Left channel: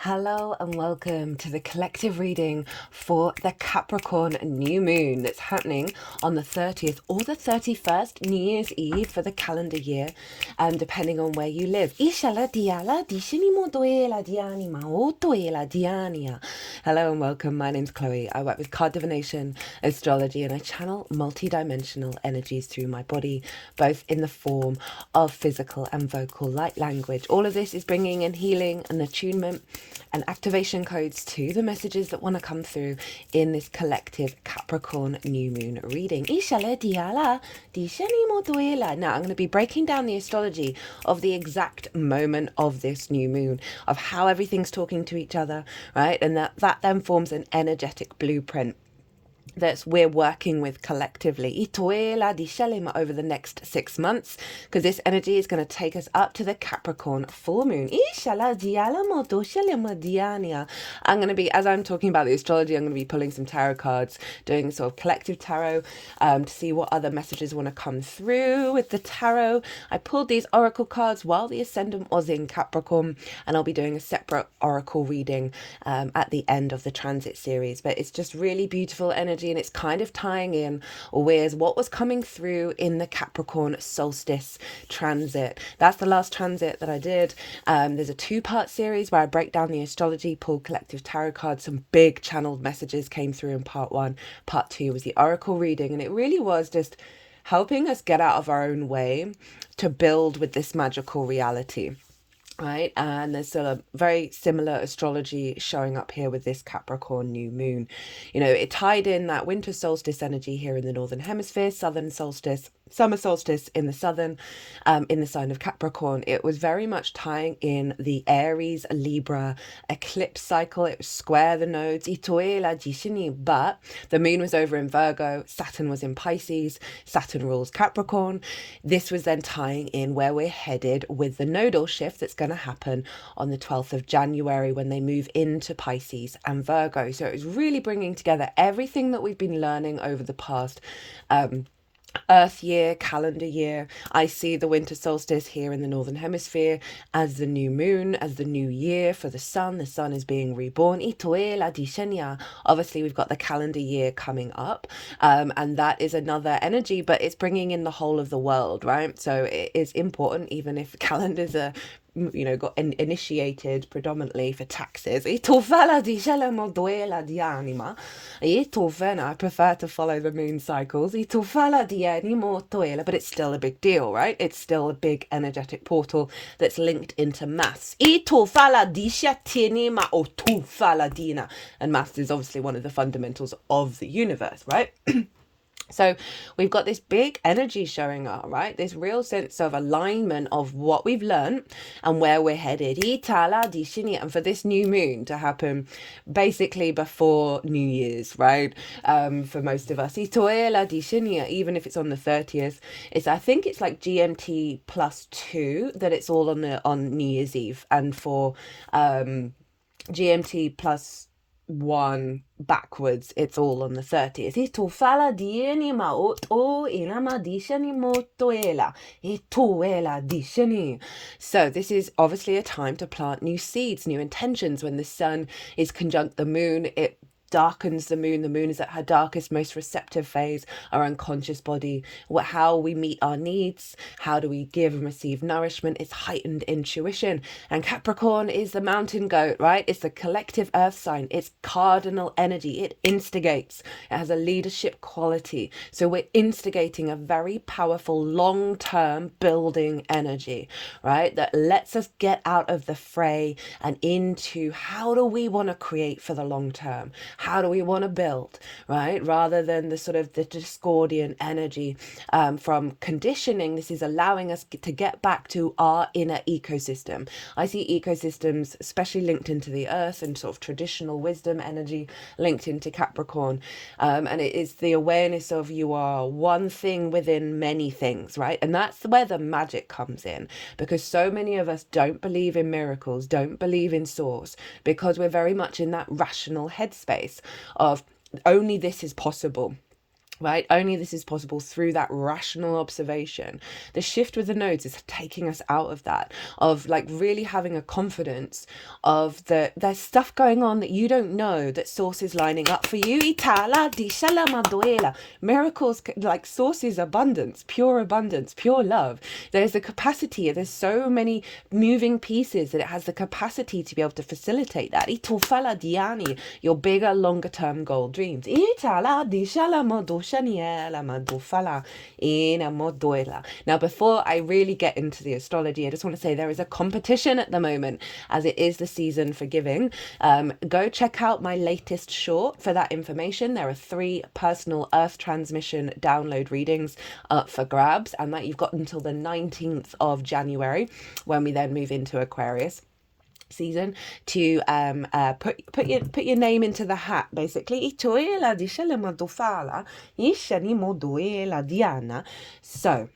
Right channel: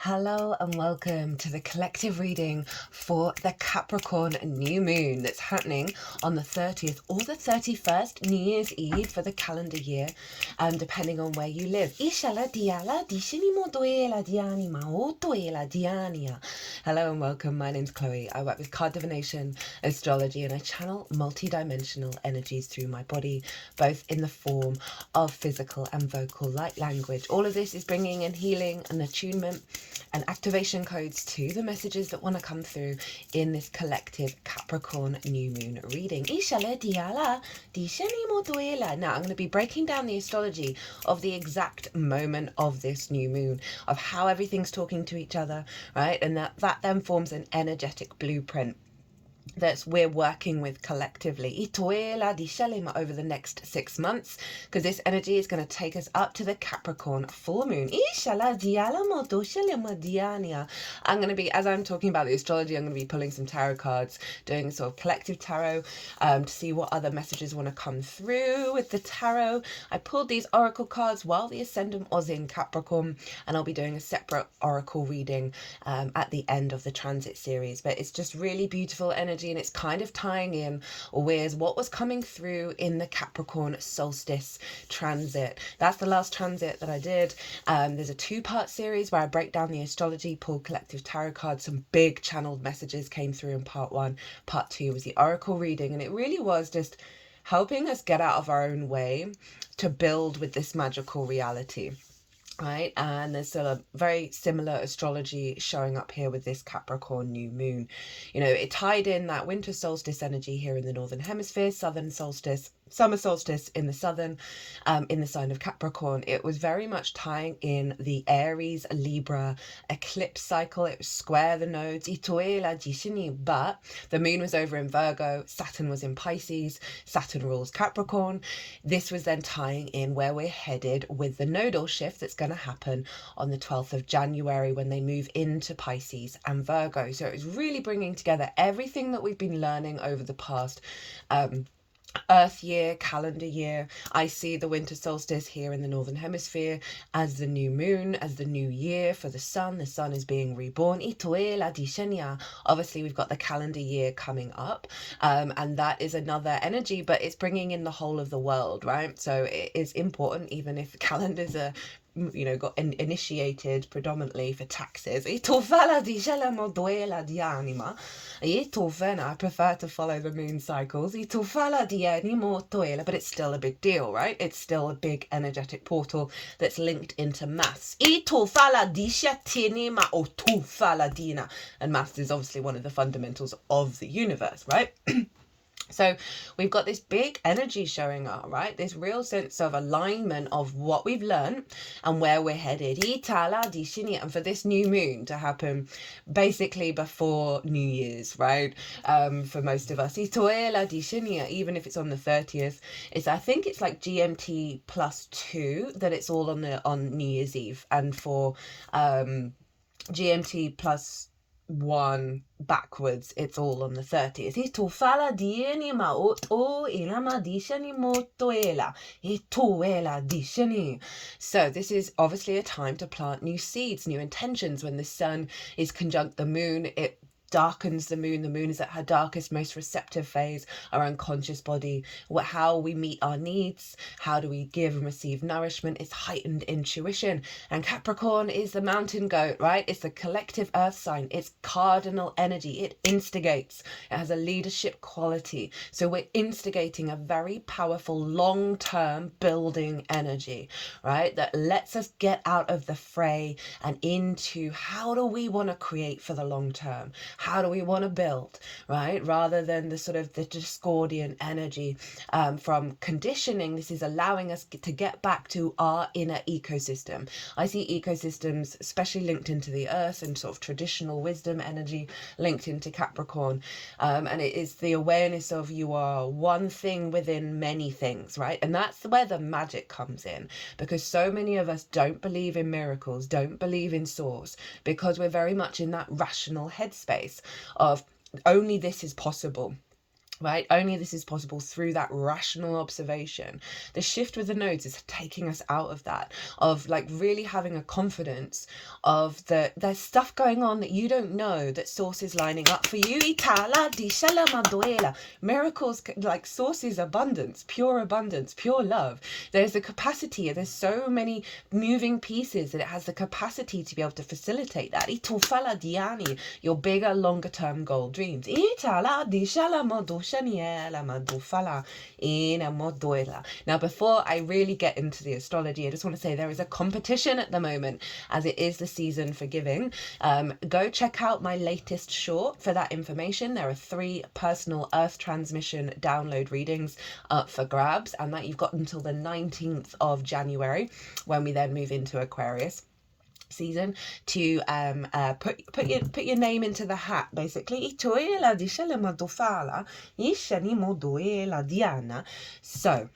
Hello and welcome to the collective reading for the Capricorn new moon that's happening on the 30th or the 31st, New Year's Eve for the calendar year, depending on where you live. Hello and welcome. My name's Chloe. I work with card divination, astrology, and I channel multi-dimensional energies through my body, both in the form of physical and vocal light language. All of this is bringing in healing and attunement and activation codes to the messages that want to come through in this collective Capricorn new moon reading. Now I'm going to be breaking down the astrology of the exact moment of this new moon, of how everything's talking to each other, right? And that then forms an energetic blueprint that we're working with collectively over the next 6 months, because this energy is going to take us up to the Capricorn full moon. I'm going to be, as I'm talking about the astrology, I'm going to be pulling some tarot cards, doing sort of collective tarot to see what other messages want to come through with the tarot. I pulled these oracle cards while the ascendant was in Capricorn, and I'll be doing a separate oracle reading at the end of the transit series. But it's just really beautiful energy, and it's kind of tying in with what was coming through in the Capricorn solstice transit. That's the last transit that I did. There's a 2-part series where I break down the astrology, pull collective tarot cards. Some big channeled messages came through in part 1. Part 2 was the oracle reading, and it really was just helping us get out of our own way to build with this magical reality. Right, and there's still a very similar astrology showing up here with this Capricorn new moon. You know, it tied in that winter solstice energy here in the northern hemisphere, southern solstice, summer solstice in the southern, in the sign of Capricorn. It was very much tying in the Aries Libra eclipse cycle. It was square the nodes, but the moon was over in Virgo, Saturn was in Pisces, Saturn rules Capricorn. This was then tying in where we're headed with the nodal shift that's going to happen on the 12th of January when they move into Pisces and Virgo. So it was really bringing together everything that we've been learning over the past Earth year, calendar year. I see the winter solstice here in the northern hemisphere as the new moon, as the new year for the sun. The sun is being reborn. Obviously, we've got the calendar year coming up, and that is another energy, but it's bringing in the whole of the world, right? So it is important, even if calendars are got initiated predominantly for taxes. I prefer to follow the moon cycles, but it's still a big deal, right? It's still a big energetic portal that's linked into maths. And maths is obviously one of the fundamentals of the universe, right? So we've got this big energy showing up, right? This real sense of alignment of what we've learned and where we're headed. And for this new moon to happen basically before New Year's, right? For most of us. Even if it's on the 30th. I think it's like GMT +2 that it's all on New Year's Eve. And for GMT +1 backwards, it's all on the 30th. So this is obviously a time to plant new seeds, new intentions. When the sun is conjunct the moon, it darkens the moon. The moon is at her darkest, most receptive phase, our unconscious body, how we meet our needs, how do we give and receive nourishment. It's heightened intuition. And Capricorn is the mountain goat, right? It's the collective earth sign. It's cardinal energy. It instigates. It has a leadership quality. So we're instigating a very powerful long-term building energy, right? That lets us get out of the fray and into how do we want to create for the long term? How do we want to build, right? Rather than the sort of the Discordian energy from conditioning. This is allowing us to get back to our inner ecosystem. I see ecosystems especially linked into the earth and sort of traditional wisdom energy linked into Capricorn. And it is the awareness of you are one thing within many things, right? And that's where the magic comes in, because so many of us don't believe in miracles, don't believe in source, because we're very much in that rational headspace of only this is possible. right? Only this is possible through that rational observation. The shift with the nodes is taking us out of that, of like really having a confidence of there's stuff going on that you don't know, that source is lining up for you. Itala di shala maduela. Miracles, like source is abundance, pure love. There's the capacity, there's so many moving pieces that it has the capacity to be able to facilitate that. Itufala diani, your bigger, longer term goal dreams. Itala di shala madu. Now, before I really get into the astrology, I just want to say there is a competition at the moment, as it is the season for giving. Go check out my latest short for that information. There are 3 personal Earth transmission download readings up for grabs, and that you've got until the 19th of January, when we then move into Aquarius season, to put your name into the hat, basically. So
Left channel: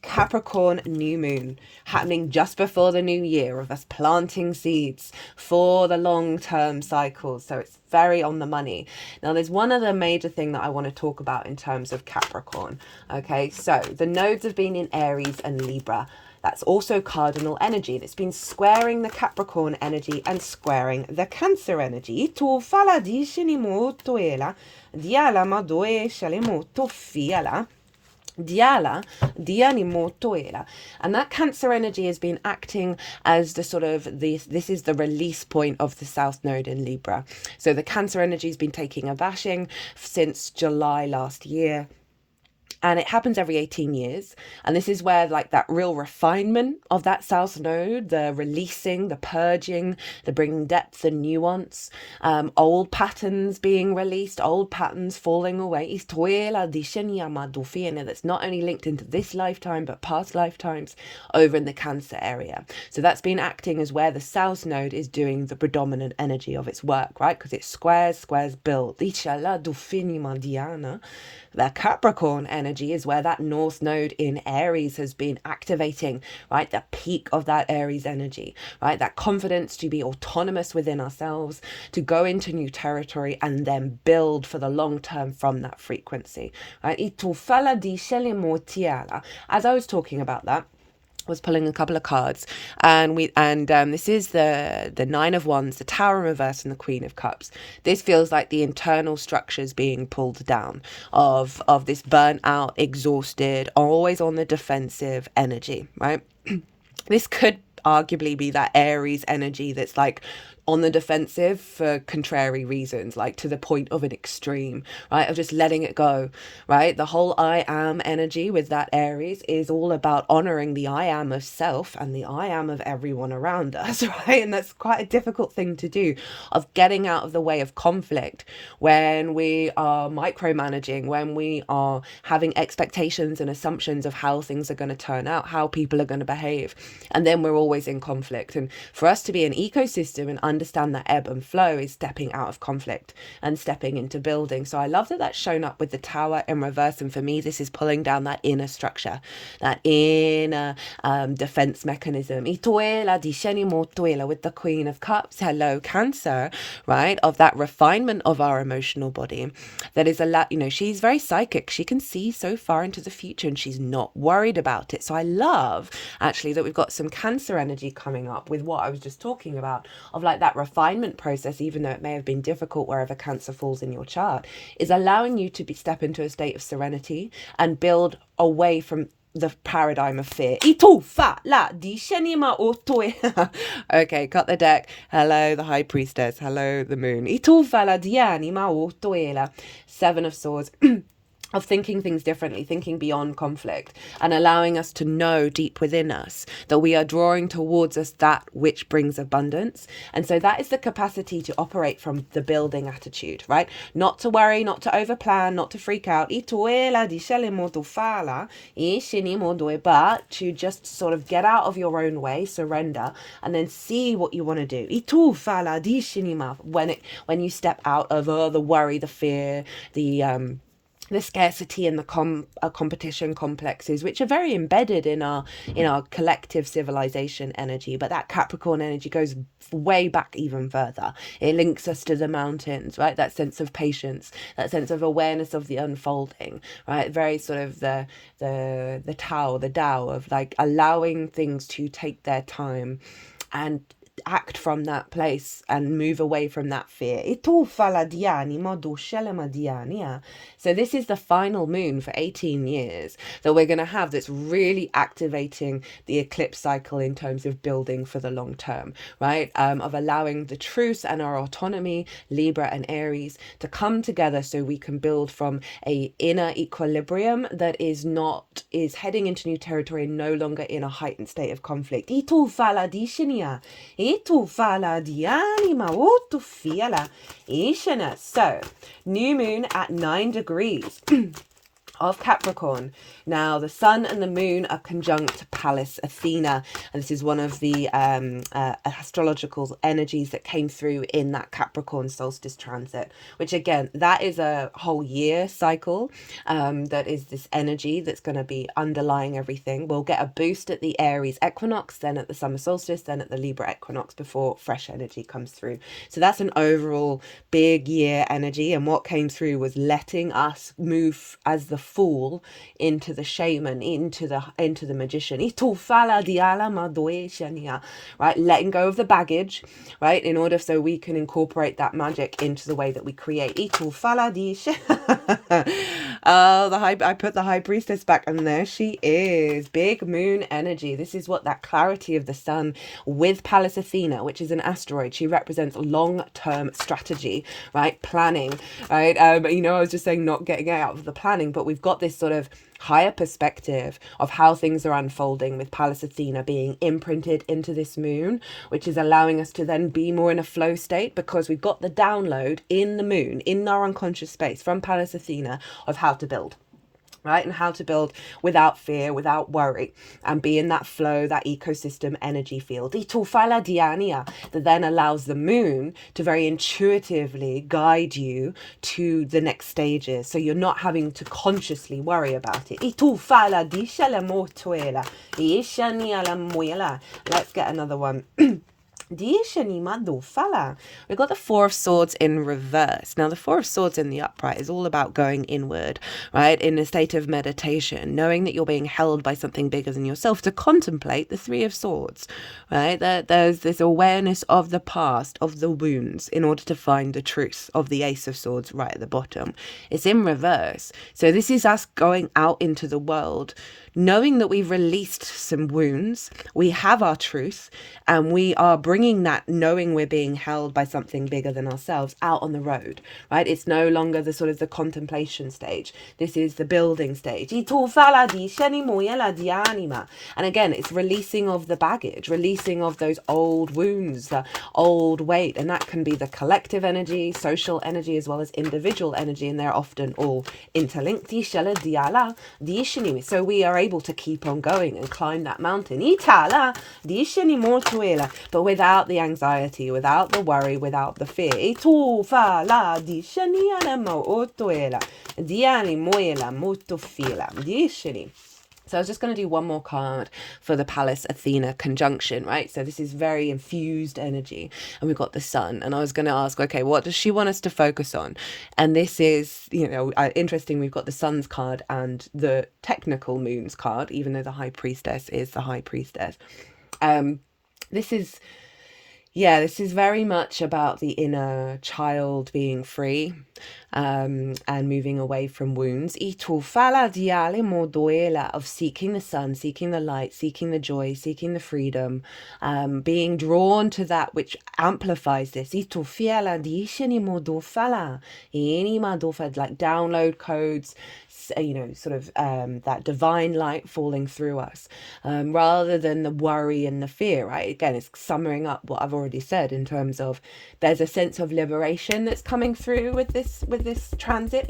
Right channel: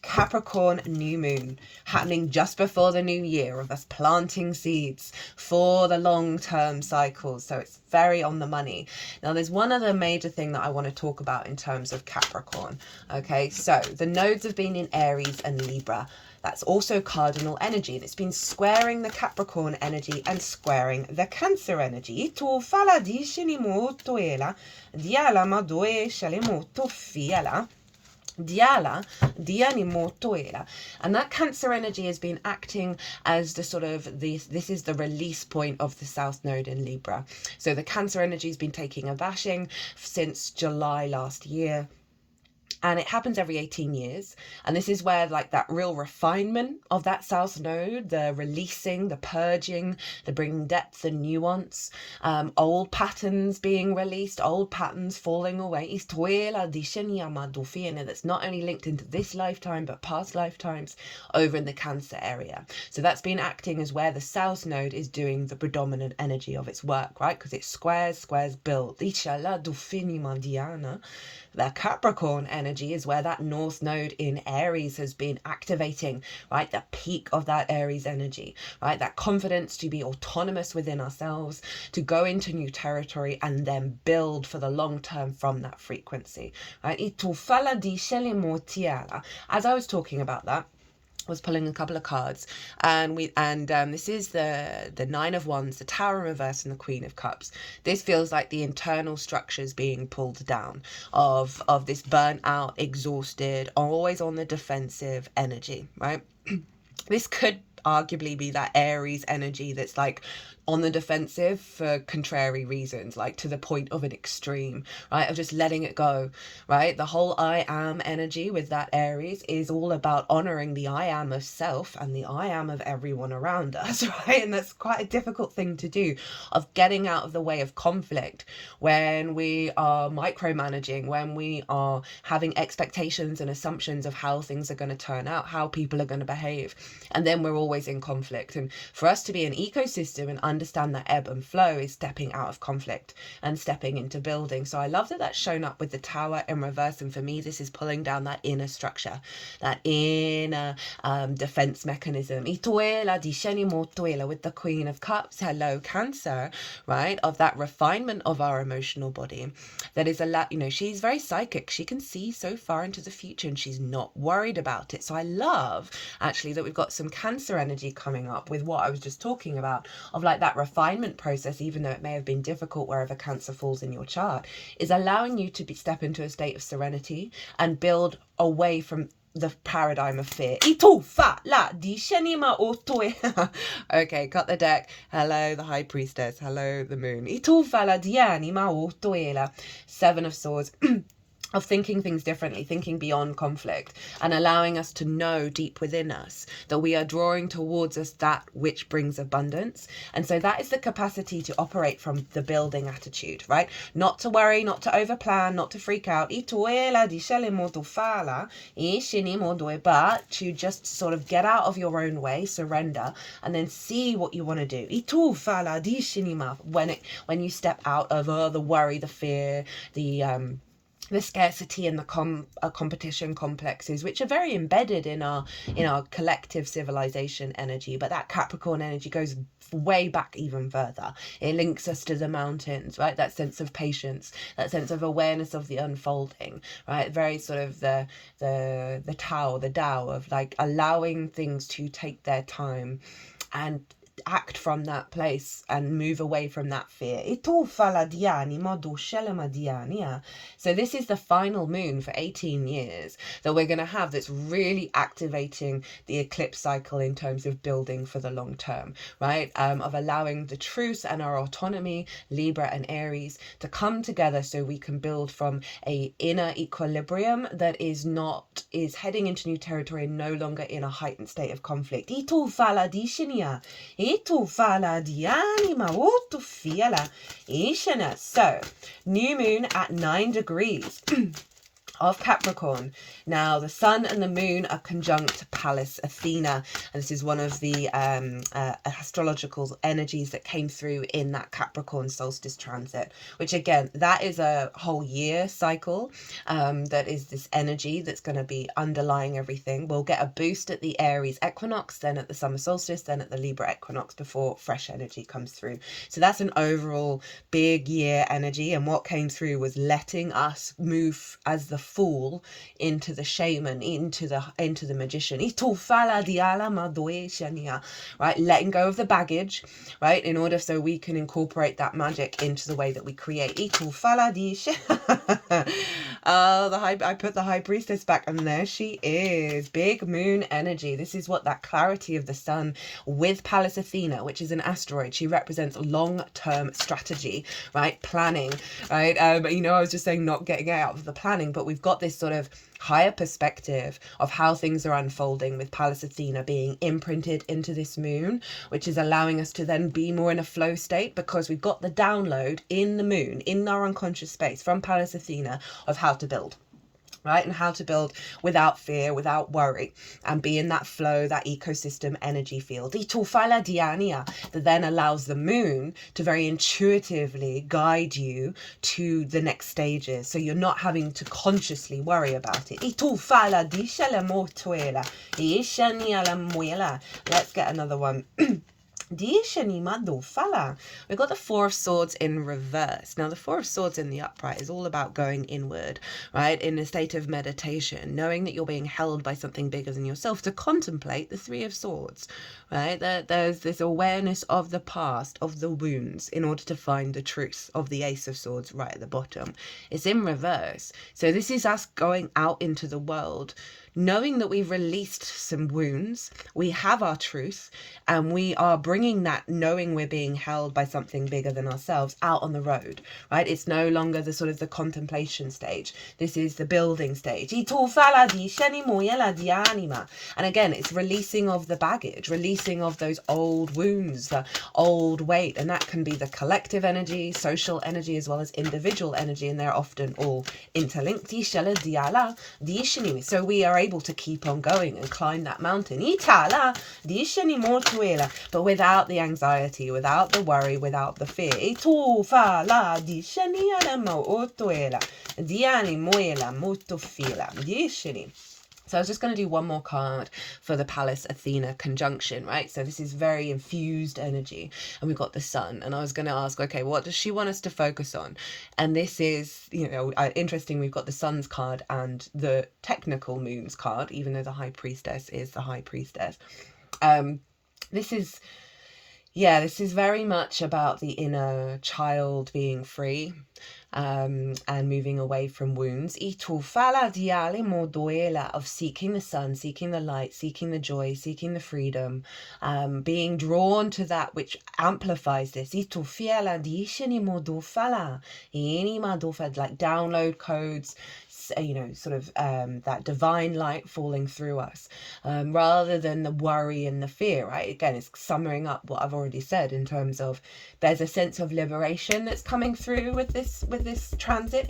Capricorn new moon happening just before the new year, of us planting seeds for the long-term cycles, so it's very on the money. Now there's one other major thing that I want to talk about in terms of Capricorn. Okay, so the nodes have been in Aries and Libra. That's also cardinal energy that's been squaring the Capricorn energy and squaring the Cancer energy. And that Cancer energy has been acting as the sort of this is the release point of the South Node in Libra. So the Cancer energy has been taking a bashing since July last year. And it happens every 18 years. And this is where like that real refinement of that South Node, the releasing, the purging, the bringing depth and nuance, old patterns being released, old patterns falling away. That's not only linked into this lifetime, but past lifetimes over in the Cancer area. So that's been acting as where the South Node is doing the predominant energy of its work, right? Because it squares build. The Capricorn energy is where that North Node in Aries has been activating, right? The peak of that Aries energy, right? That confidence to be autonomous within ourselves, to go into new territory and then build for the long term from that frequency, right? As I was talking about that, was pulling a couple of cards, and this is the 9 of Wands, the Tower in reverse, and the Queen of Cups. This feels like the internal structures being pulled down of this burnt out, exhausted, always on the defensive energy, right? This could arguably be that Aries energy that's like on the defensive for contrary reasons, like to the point of an extreme, right? Of just letting it go, right? The whole I am energy with that Aries is all about honoring the I am of self and the I am of everyone around us, right? And that's quite a difficult thing to do, of getting out of the way of conflict when we are micromanaging, when we are having expectations and assumptions of how things are going to turn out, how people are going to behave, and then we're always in conflict. And for us to be an ecosystem and understand that ebb and flow is stepping out of conflict and stepping into building. So I love that that's shown up with the Tower in reverse, and for me this is pulling down that inner structure, that inner defense mechanism. With the Queen of Cups, hello Cancer, right? Of that refinement of our emotional body that is a lot, she's very psychic, she can see so far into the future and she's not worried about it. So I love actually that we've got some Cancer energy coming up with what I was just talking about, of like that refinement process, even though it may have been difficult wherever Cancer falls in your chart, is allowing you to step into a state of serenity and build away from the paradigm of fear. Okay, cut the deck. Hello, the High Priestess. Hello, the Moon. 7 of Swords. Of thinking things differently, thinking beyond conflict, and allowing us to know deep within us that we are drawing towards us that which brings abundance. And so that is the capacity to operate from the building attitude, right? Not to worry, not to overplan, not to freak out, but to just sort of get out of your own way, surrender, and then see what you want to do. When you step out of the worry, the fear, the scarcity and the competition complexes, which are very embedded in our collective civilization energy. But that Capricorn energy goes way back even further. It links us to the mountains, right? That sense of patience, that sense of awareness of the unfolding, right? Very sort of the Tao of like allowing things to take their time and act from that place and move away from that fear. So this is the final moon for 18 years that we're going to have, that's really activating the eclipse cycle in terms of building for the long term, right? Of allowing the truth and our autonomy, Libra and Aries, to come together so we can build from a inner equilibrium that is heading into new territory and no longer in a heightened state of conflict. So, new moon at 9 degrees of Capricorn. Now, the sun and the moon are conjunct Pallas Athena, and this is one of the astrological energies that came through in that Capricorn solstice transit, which again, that is a whole year cycle. That is this energy that's going to be underlying everything. We'll get a boost at the Aries equinox, then at the summer solstice, then at the Libra equinox before fresh energy comes through. So that's an overall big year energy, and what came through was letting us move as the Fool into the Shaman, into the Magician, right? Letting go of the baggage, right, in order so we can incorporate that magic into the way that we create. I put the High Priestess back, and there she is. Big moon energy. This is what that clarity of the sun with Pallas Athena, which is an asteroid. She represents long-term strategy, right? Planning, right? I was just saying not getting out of the planning, but we've got this sort of higher perspective of how things are unfolding with Pallas Athena being imprinted into this moon, which is allowing us to then be more in a flow state, because we've got the download in the moon, in our unconscious space from Pallas Athena, of how to build. Right, and how to build without fear, without worry, and be in that flow, that ecosystem energy field. That then allows the moon to very intuitively guide you to the next stages, so you're not having to consciously worry about it. Let's get another one. We've got the Four of Swords in reverse. Now, the Four of Swords in the upright is all about going inward, right? In a state of meditation, knowing that you're being held by something bigger than yourself, to contemplate the Three of Swords, right? There's this awareness of the past, of the wounds, in order to find the truth of the Ace of Swords right at the bottom. It's in reverse. So this is us going out into the world, knowing that we've released some wounds, we have our truth, and we are bringing that, knowing we're being held by something bigger than ourselves, out on the road, right? It's no longer the sort of the contemplation stage. This is the building stage. And again, it's releasing of the baggage, releasing of those old wounds, the old weight, and that can be the collective energy, social energy, as well as individual energy, and they're often all interlinked. So we are able to keep on going and climb that mountain, but without the anxiety, without the worry, without the fear. So I was just going to do one more card for the Pallas Athena conjunction, right? So this is very infused energy, and we've got the sun, and I was going to ask, okay, what does she want us to focus on? And this is, interesting, we've got the sun's card and the technical moon's card, even though the High Priestess is the High Priestess. This is very much about the inner child being free, and moving away from wounds. Of seeking the sun, seeking the light, seeking the joy, seeking the freedom, being drawn to that which amplifies this. Like download codes, that divine light falling through us, rather than the worry and the fear, right? Again, it's summing up what I've already said in terms of there's a sense of liberation that's coming through with this transit.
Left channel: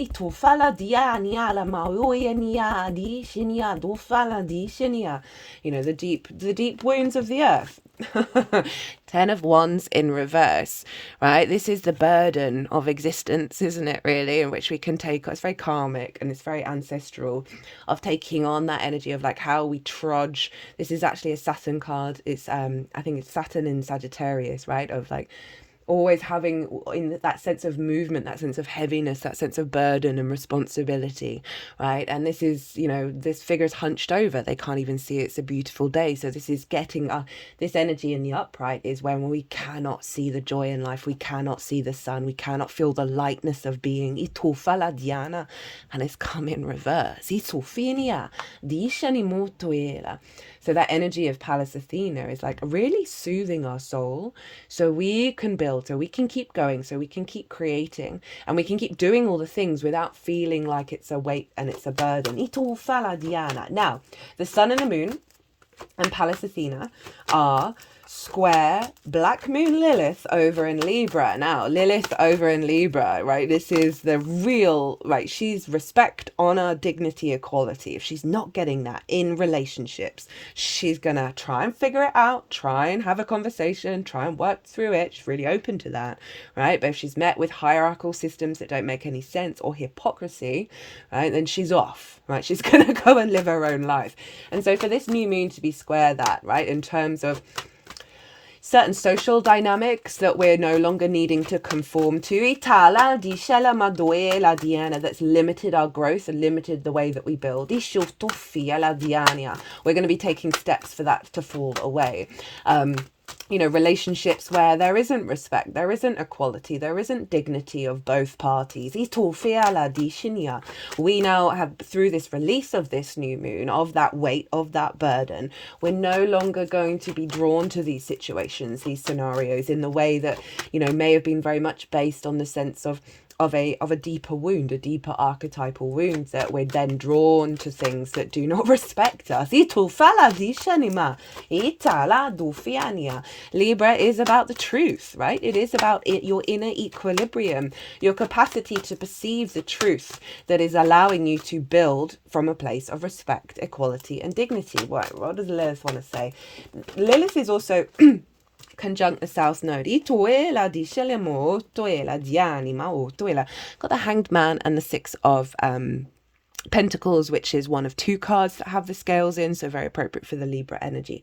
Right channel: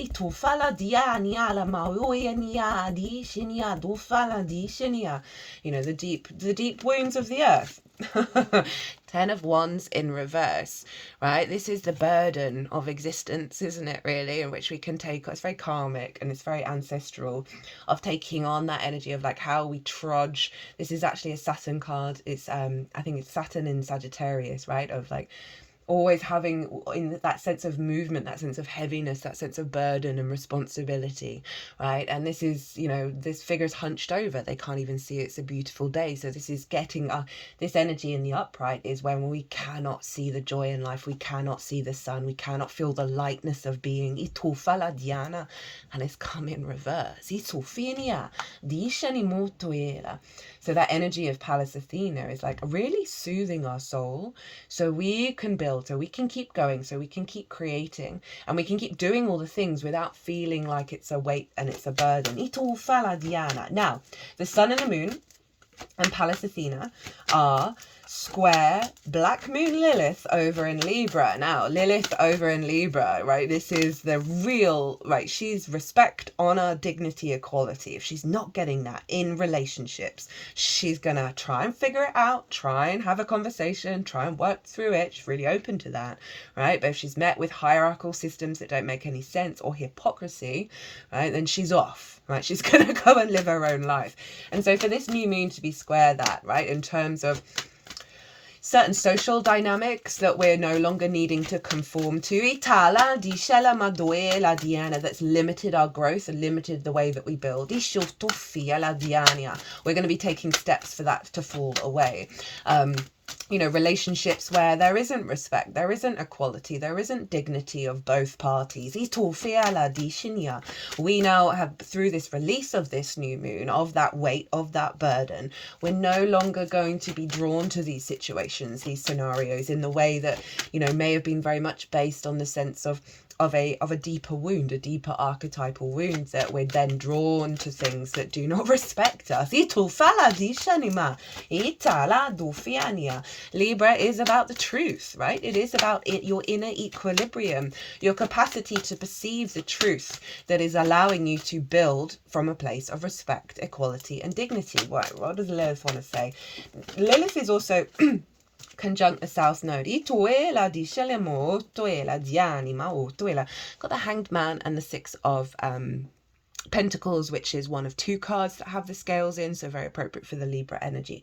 The deep wounds of the earth. Ten of Wands in reverse, right? This is the burden of existence, isn't it, really? In which we can take, it's very karmic and it's very ancestral, of taking on that energy of like how we trudge. This is actually a Saturn card. It's I think it's Saturn in Sagittarius, right? Of like always having in that sense of movement, that sense of heaviness, that sense of burden and responsibility, right? And this is, you know, this figure's hunched over, they can't even see it's a beautiful day. So this is getting this energy in the upright is when we cannot see the joy in life, we cannot see the sun, we cannot feel the lightness of being. Diana, and it's come in reverse. So that energy of Pallas Athena is like really soothing our soul so we can build, so we can keep going, so we can keep creating, and we can keep doing all the things without feeling like it's a weight and it's a burden. Now, the sun and the moon and Pallas Athena are square Black Moon Lilith over in Libra. Now, Lilith over in Libra, right? This is the real, right? She's respect, honor, dignity, equality. If she's not getting that in relationships, she's gonna try and figure it out, try and have a conversation, try and work through it. She's really open to that, right? But if she's met with hierarchical systems that don't make any sense or hypocrisy, right, then she's off, right? She's gonna go and live her own life. And so for this new moon to be square that, right, in terms of certain social dynamics that we're no longer needing to conform to. That's limited our growth and limited the way that we build. We're going to be taking steps for that to fall away. You know, relationships where there isn't respect, there isn't equality, there isn't dignity of both parties. We now have, through this release of this new moon, of that weight, of that burden, we're no longer going to be drawn to these situations, these scenarios, in the way that, you know, may have been very much based on the sense of a deeper wound, a deeper archetypal wound, that we're then drawn to things that do not respect us. Libra is about the truth, right? It is about your inner equilibrium, your capacity to perceive the truth that is allowing you to build from a place of respect, equality, and dignity. What does Lilith want to say? Lilith is also conjunct the South Node. Got the Hanged Man and the Six of Pentacles, which is one of two cards that have the scales in, so very appropriate for the Libra energy.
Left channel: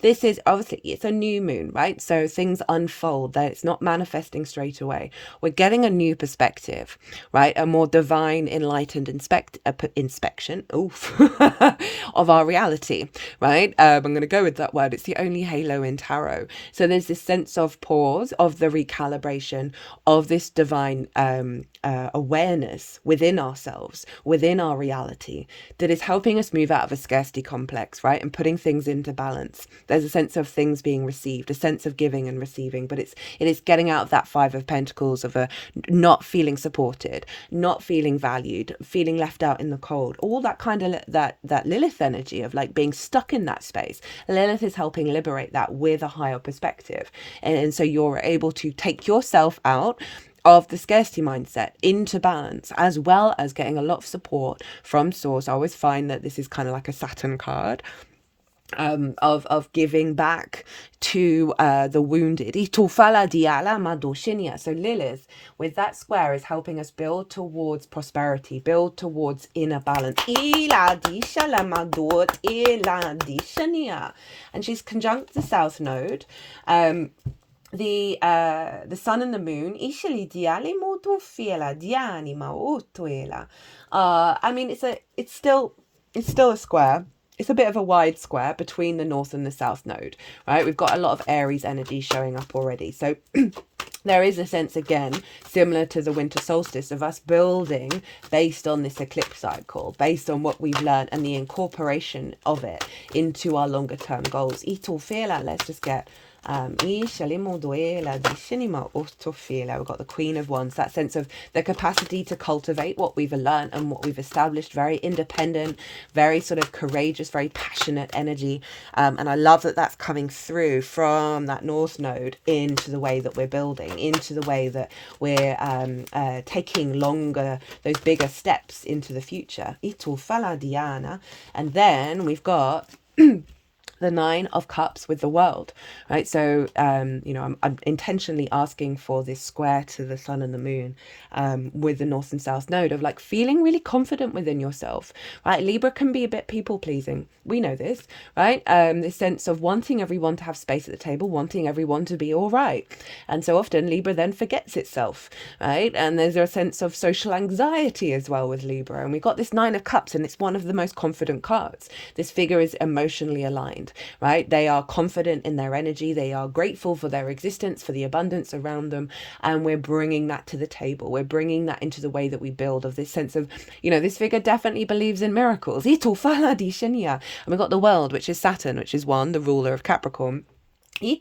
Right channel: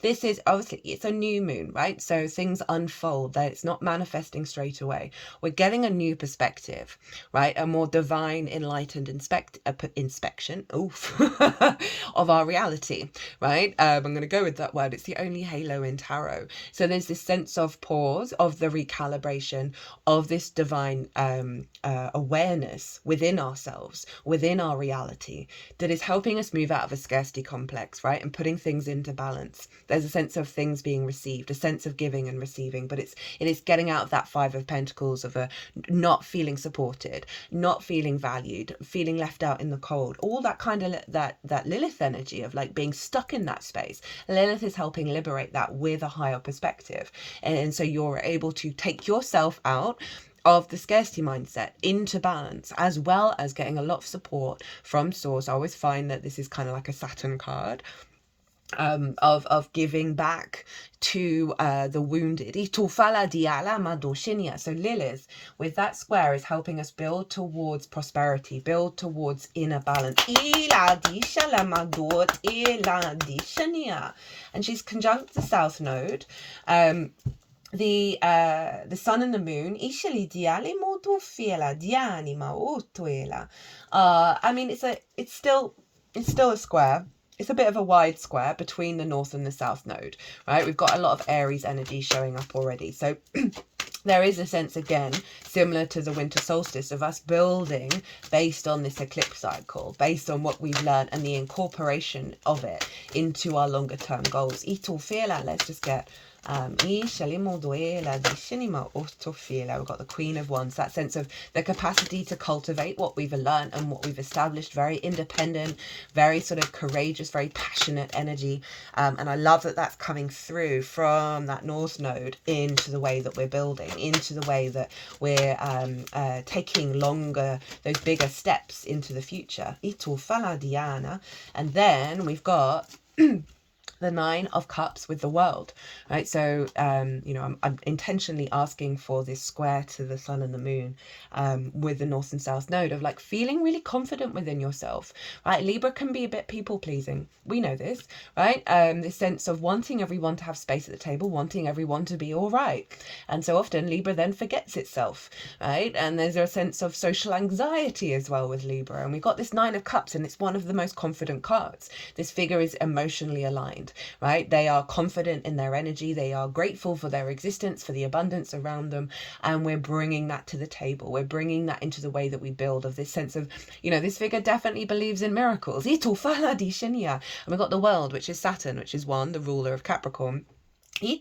This is obviously, it's a new moon, right? So things unfold, that it's not manifesting straight away. We're getting a new perspective, right? A more divine, enlightened inspection of our reality, right? I'm going to go with that word. It's the only halo in tarot. So there's this sense of pause, of the recalibration of this divine awareness within ourselves, within our reality, that is helping us move out of a scarcity complex, right? And putting things into balance. There's a sense of things being received, a sense of giving and receiving, but it is getting out of that Five of Pentacles of a not feeling supported, not feeling valued, feeling left out in the cold, all that kind of that Lilith energy of like being stuck in that space. Lilith is helping liberate that with a higher perspective, and so you're able to take yourself out of the scarcity mindset into balance, as well as getting a lot of support from source. I always find that this is kind of like a Saturn card, of giving back to the wounded. So Lilith, with that square, is helping us build towards prosperity, build towards inner balance. And she's conjunct the South Node. The sun and the moon. I mean, it's still a square. It's a bit of a wide square between the North and the South Node, right? We've got a lot of Aries energy showing up already. So there is a sense, again, similar to the winter solstice, of us building based on this eclipse cycle, based on what we've learned and the incorporation of it into our longer term goals. Let's just get we've got the Queen of Wands, that sense of the capacity to cultivate what we've learned and what we've established, very independent, very sort of courageous, very passionate energy. And I love that that's coming through from that North Node into the way that we're building, into the way that we're taking longer, those bigger steps into the future. And then we've got the Nine of Cups with the world, right? So, I'm intentionally asking for this square to the sun and the moon with the North and South node of like feeling really confident within yourself, right? Libra can be a bit people pleasing. We know this, right? This sense of wanting everyone to have space at the table, wanting everyone to be all right. And so often Libra then forgets itself, right? And there's a sense of social anxiety as well with Libra. And we got this Nine of Cups, and it's one of the most confident cards. This figure is emotionally aligned, right? They are confident in their energy. They are grateful for their existence, for the abundance around them. And we're bringing that to the table. We're bringing that into the way that we build, of this sense of, this figure definitely believes in miracles. And we've got the world, which is Saturn, which is the ruler of Capricorn. And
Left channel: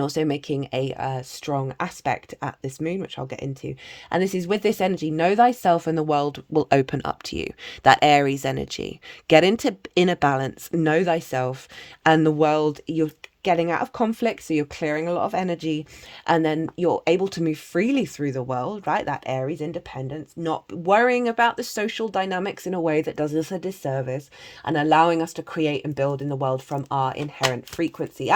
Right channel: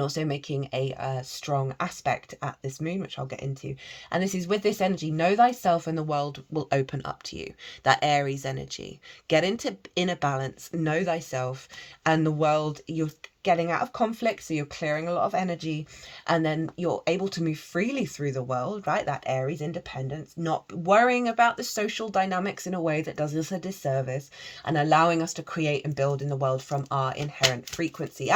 also making a strong aspect at this moon, which I'll get into. And this is with this energy, know thyself and the world will open up to you. That Aries energy. Get into inner balance, know thyself, and the world, you're getting out of conflict, so you're clearing a lot of energy, and then you're able to move freely through the world, right? That Aries independence, not worrying about the social dynamics in a way that does us a disservice, and allowing us to create and build in the world from our inherent frequency.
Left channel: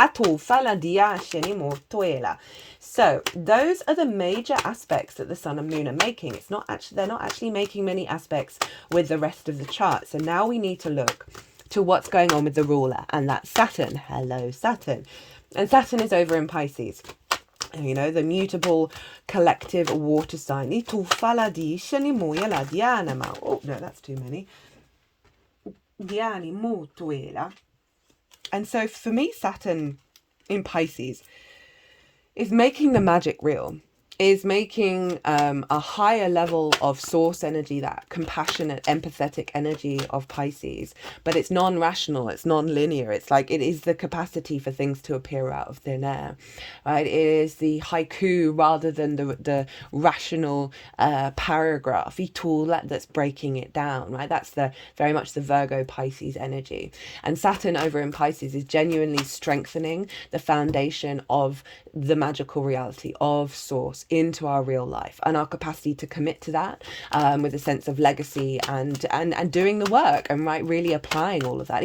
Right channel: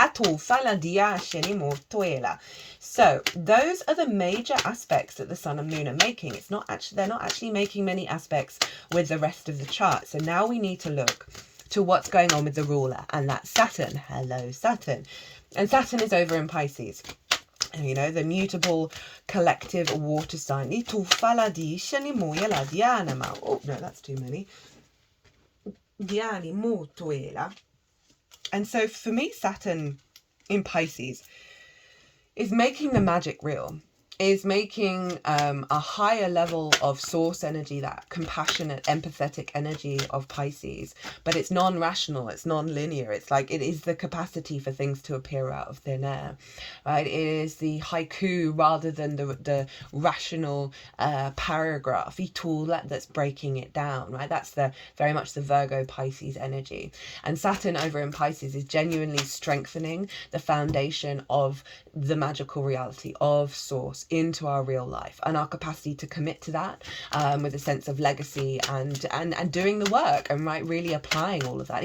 So those are the major aspects that the sun and moon are making. They're not actually making many aspects with the rest of the chart. So now we need to look to what's going on with the ruler, and that's Saturn. Hello, Saturn. And Saturn is over in Pisces. And the mutable collective water sign. Oh, no, that's too many. And so for me, Saturn in Pisces is making the magic real. Is making a higher level of source energy, that compassionate, empathetic energy of Pisces. But it's non-rational, it's non-linear. It's like it is the capacity for things to appear out of thin air, right? It is the haiku rather than the rational paragraph that's breaking it down, right? That's very much the Virgo Pisces energy. And Saturn over in Pisces is genuinely strengthening the foundation of the magical reality of source into our real life, and our capacity to commit to that with a sense of legacy and doing the work, and really applying all of that.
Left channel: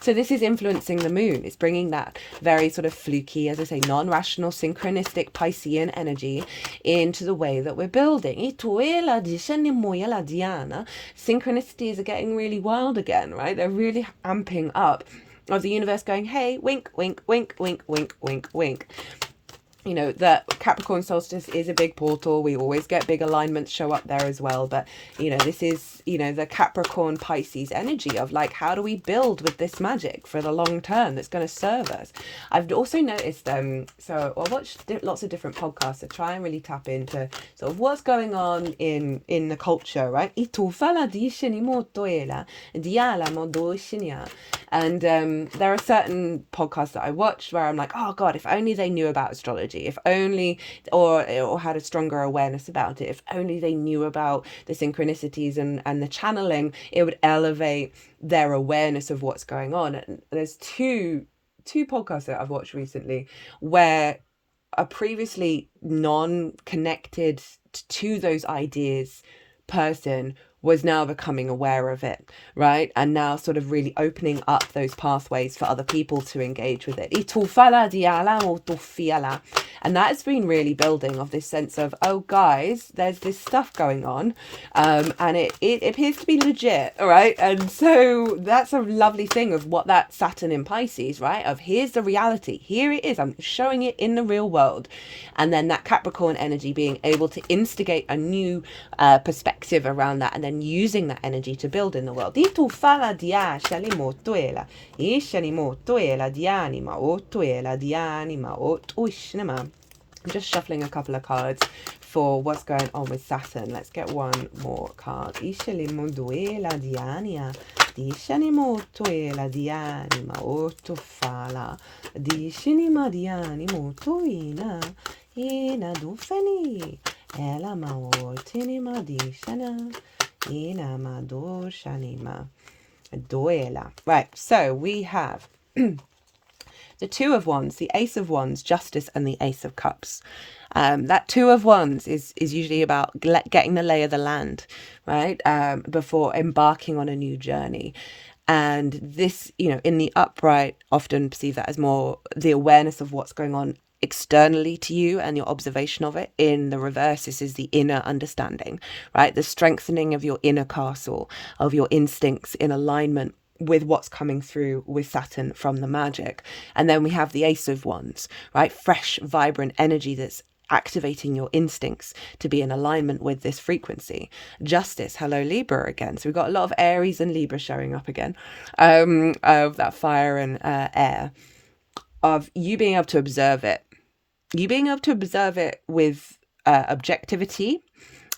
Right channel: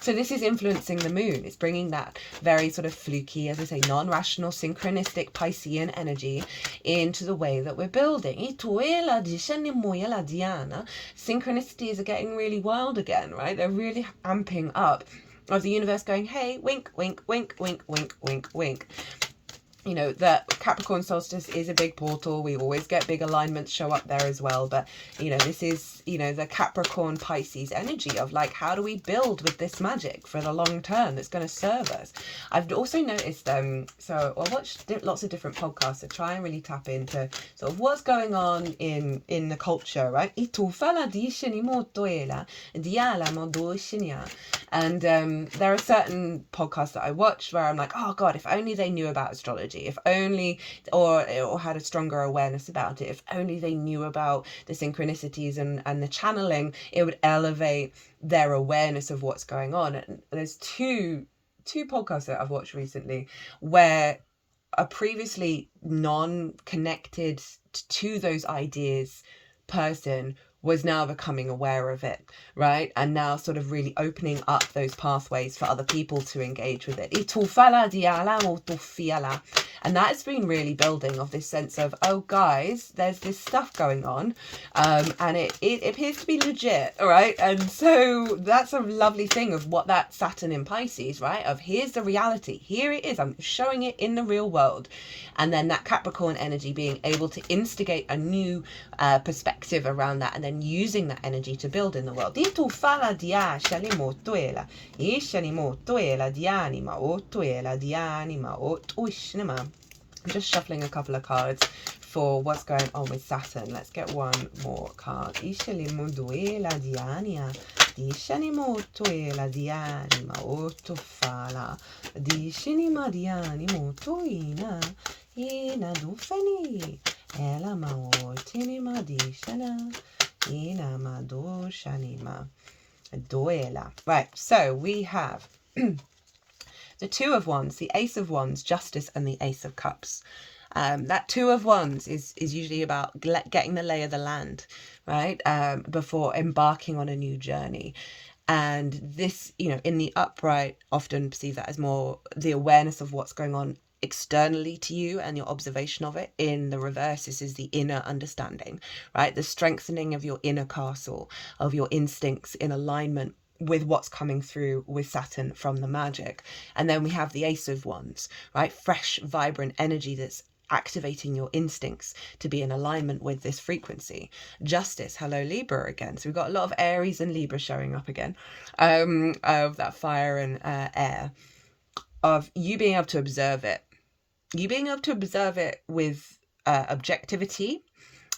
So this is influencing the moon. It's bringing that very sort of fluky, as I say, non-rational, synchronistic Piscean energy into the way that we're building. Synchronicities are getting really wild again, right? They're really amping up, of the universe going, hey, wink, wink, wink, wink, wink, wink, wink. The Capricorn solstice is a big portal. We always get big alignments show up there as well. But, this is, the Capricorn Pisces energy of like, how do we build with this magic for the long term that's going to serve us? I've also noticed, so I watched lots of different podcasts to try and really tap into sort of what's going on in the culture, right? And there are certain podcasts that I watched where I'm like, oh God, if only they knew about astrology. If only, or had a stronger awareness about it, if only they knew about the synchronicities and the channeling, it would elevate their awareness of what's going on. And there's two podcasts that I've watched recently where a previously non-connected to those ideas person was now becoming aware of it, right? And now sort of really opening up those pathways for other people to engage with it. And that has been really building of this sense of, oh guys, there's this stuff going on, and it appears to be legit, right? And so that's a lovely thing of what that Saturn in Pisces, right? Of here's the reality, here it is, I'm showing it in the real world. And then that Capricorn energy being able to instigate a new perspective around that, and then using that energy to build in the world. I'm just shuffling a couple of cards for what's going on with Saturn. Let's get one more card. Right, so we have the Two of Wands, the Ace of Wands, Justice, and the Ace of Cups. That Two of Wands is usually about getting the lay of the land, right? Before embarking on a new journey. And this, in the upright, often perceive that as more the awareness of what's going on externally to you and your observation of it. In the reverse, this is the inner understanding, right? The strengthening of your inner castle, of your instincts in alignment with what's coming through with Saturn from the magic. And then we have the Ace of Wands, right? Fresh, vibrant energy that's activating your instincts to be in alignment with this frequency. Justice, hello Libra again. So we've got a lot of Aries and Libra showing up again, of that fire and air, of you being able to observe it. You being able to observe it with objectivity,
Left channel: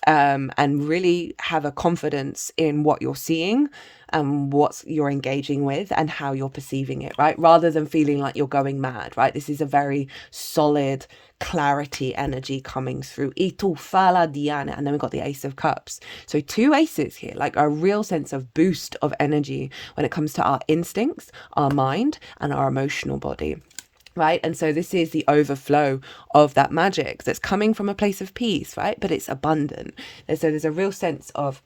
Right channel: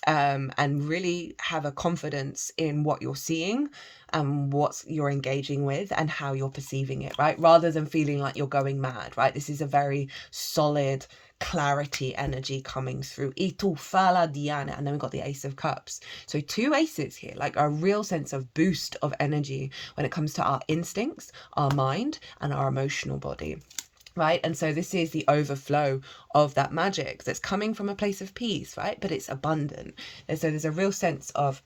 and really have a confidence in what you're seeing and what you're engaging with and how you're perceiving it, right? Rather than feeling like you're going mad, right? This is a very solid clarity energy coming through. Itufala Diana. And then we've got the Ace of Cups. So two aces here, like a real sense of boost of energy when it comes to our instincts, our mind, and our emotional body. Right. And so this is the overflow of that magic that's coming from a place of peace, right? But it's abundant. And so there's a real sense of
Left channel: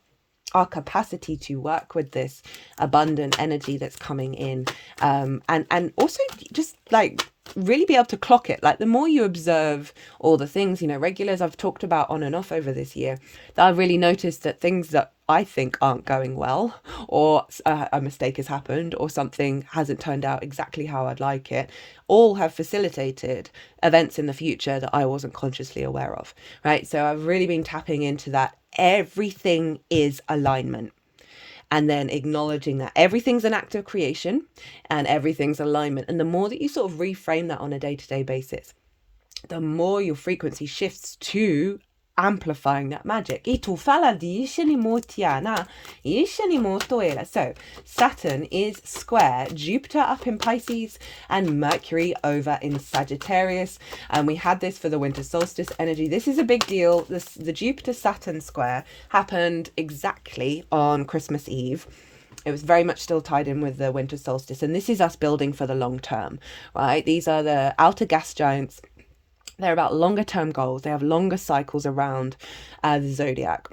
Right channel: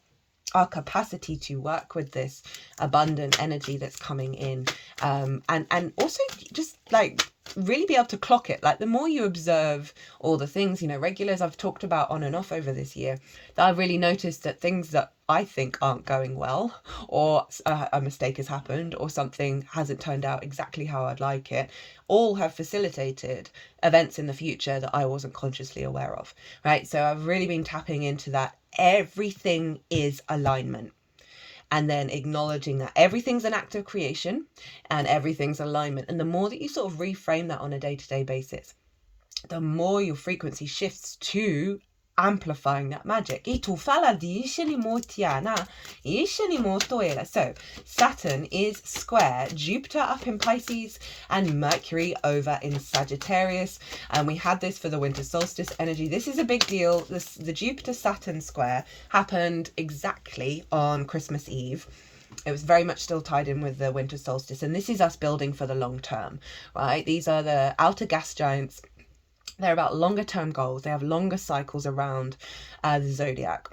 our capacity to work with this abundant energy that's coming in, and also just like really be able to clock it. Like the more you observe all the things, regulars I've talked about on and off over this year, that I've really noticed that things that I think aren't going well, or a mistake has happened, or something hasn't turned out exactly how I'd like it, all have facilitated events in the future that I wasn't consciously aware of, right? So I've really been tapping into that. Everything is alignment, and then acknowledging that everything's an act of creation and everything's alignment. And the more that you sort of reframe that on a day-to-day basis, the more your frequency shifts to amplifying that magic. So Saturn is square Jupiter up in Pisces and Mercury over in Sagittarius, and we had this for the winter solstice energy. This is a big deal. The Jupiter Saturn square happened exactly on Christmas Eve. It was very much still tied in with the winter solstice, and this is us building for the long term, right? These are the outer gas giants. They're about longer term goals. They have longer cycles around the zodiac.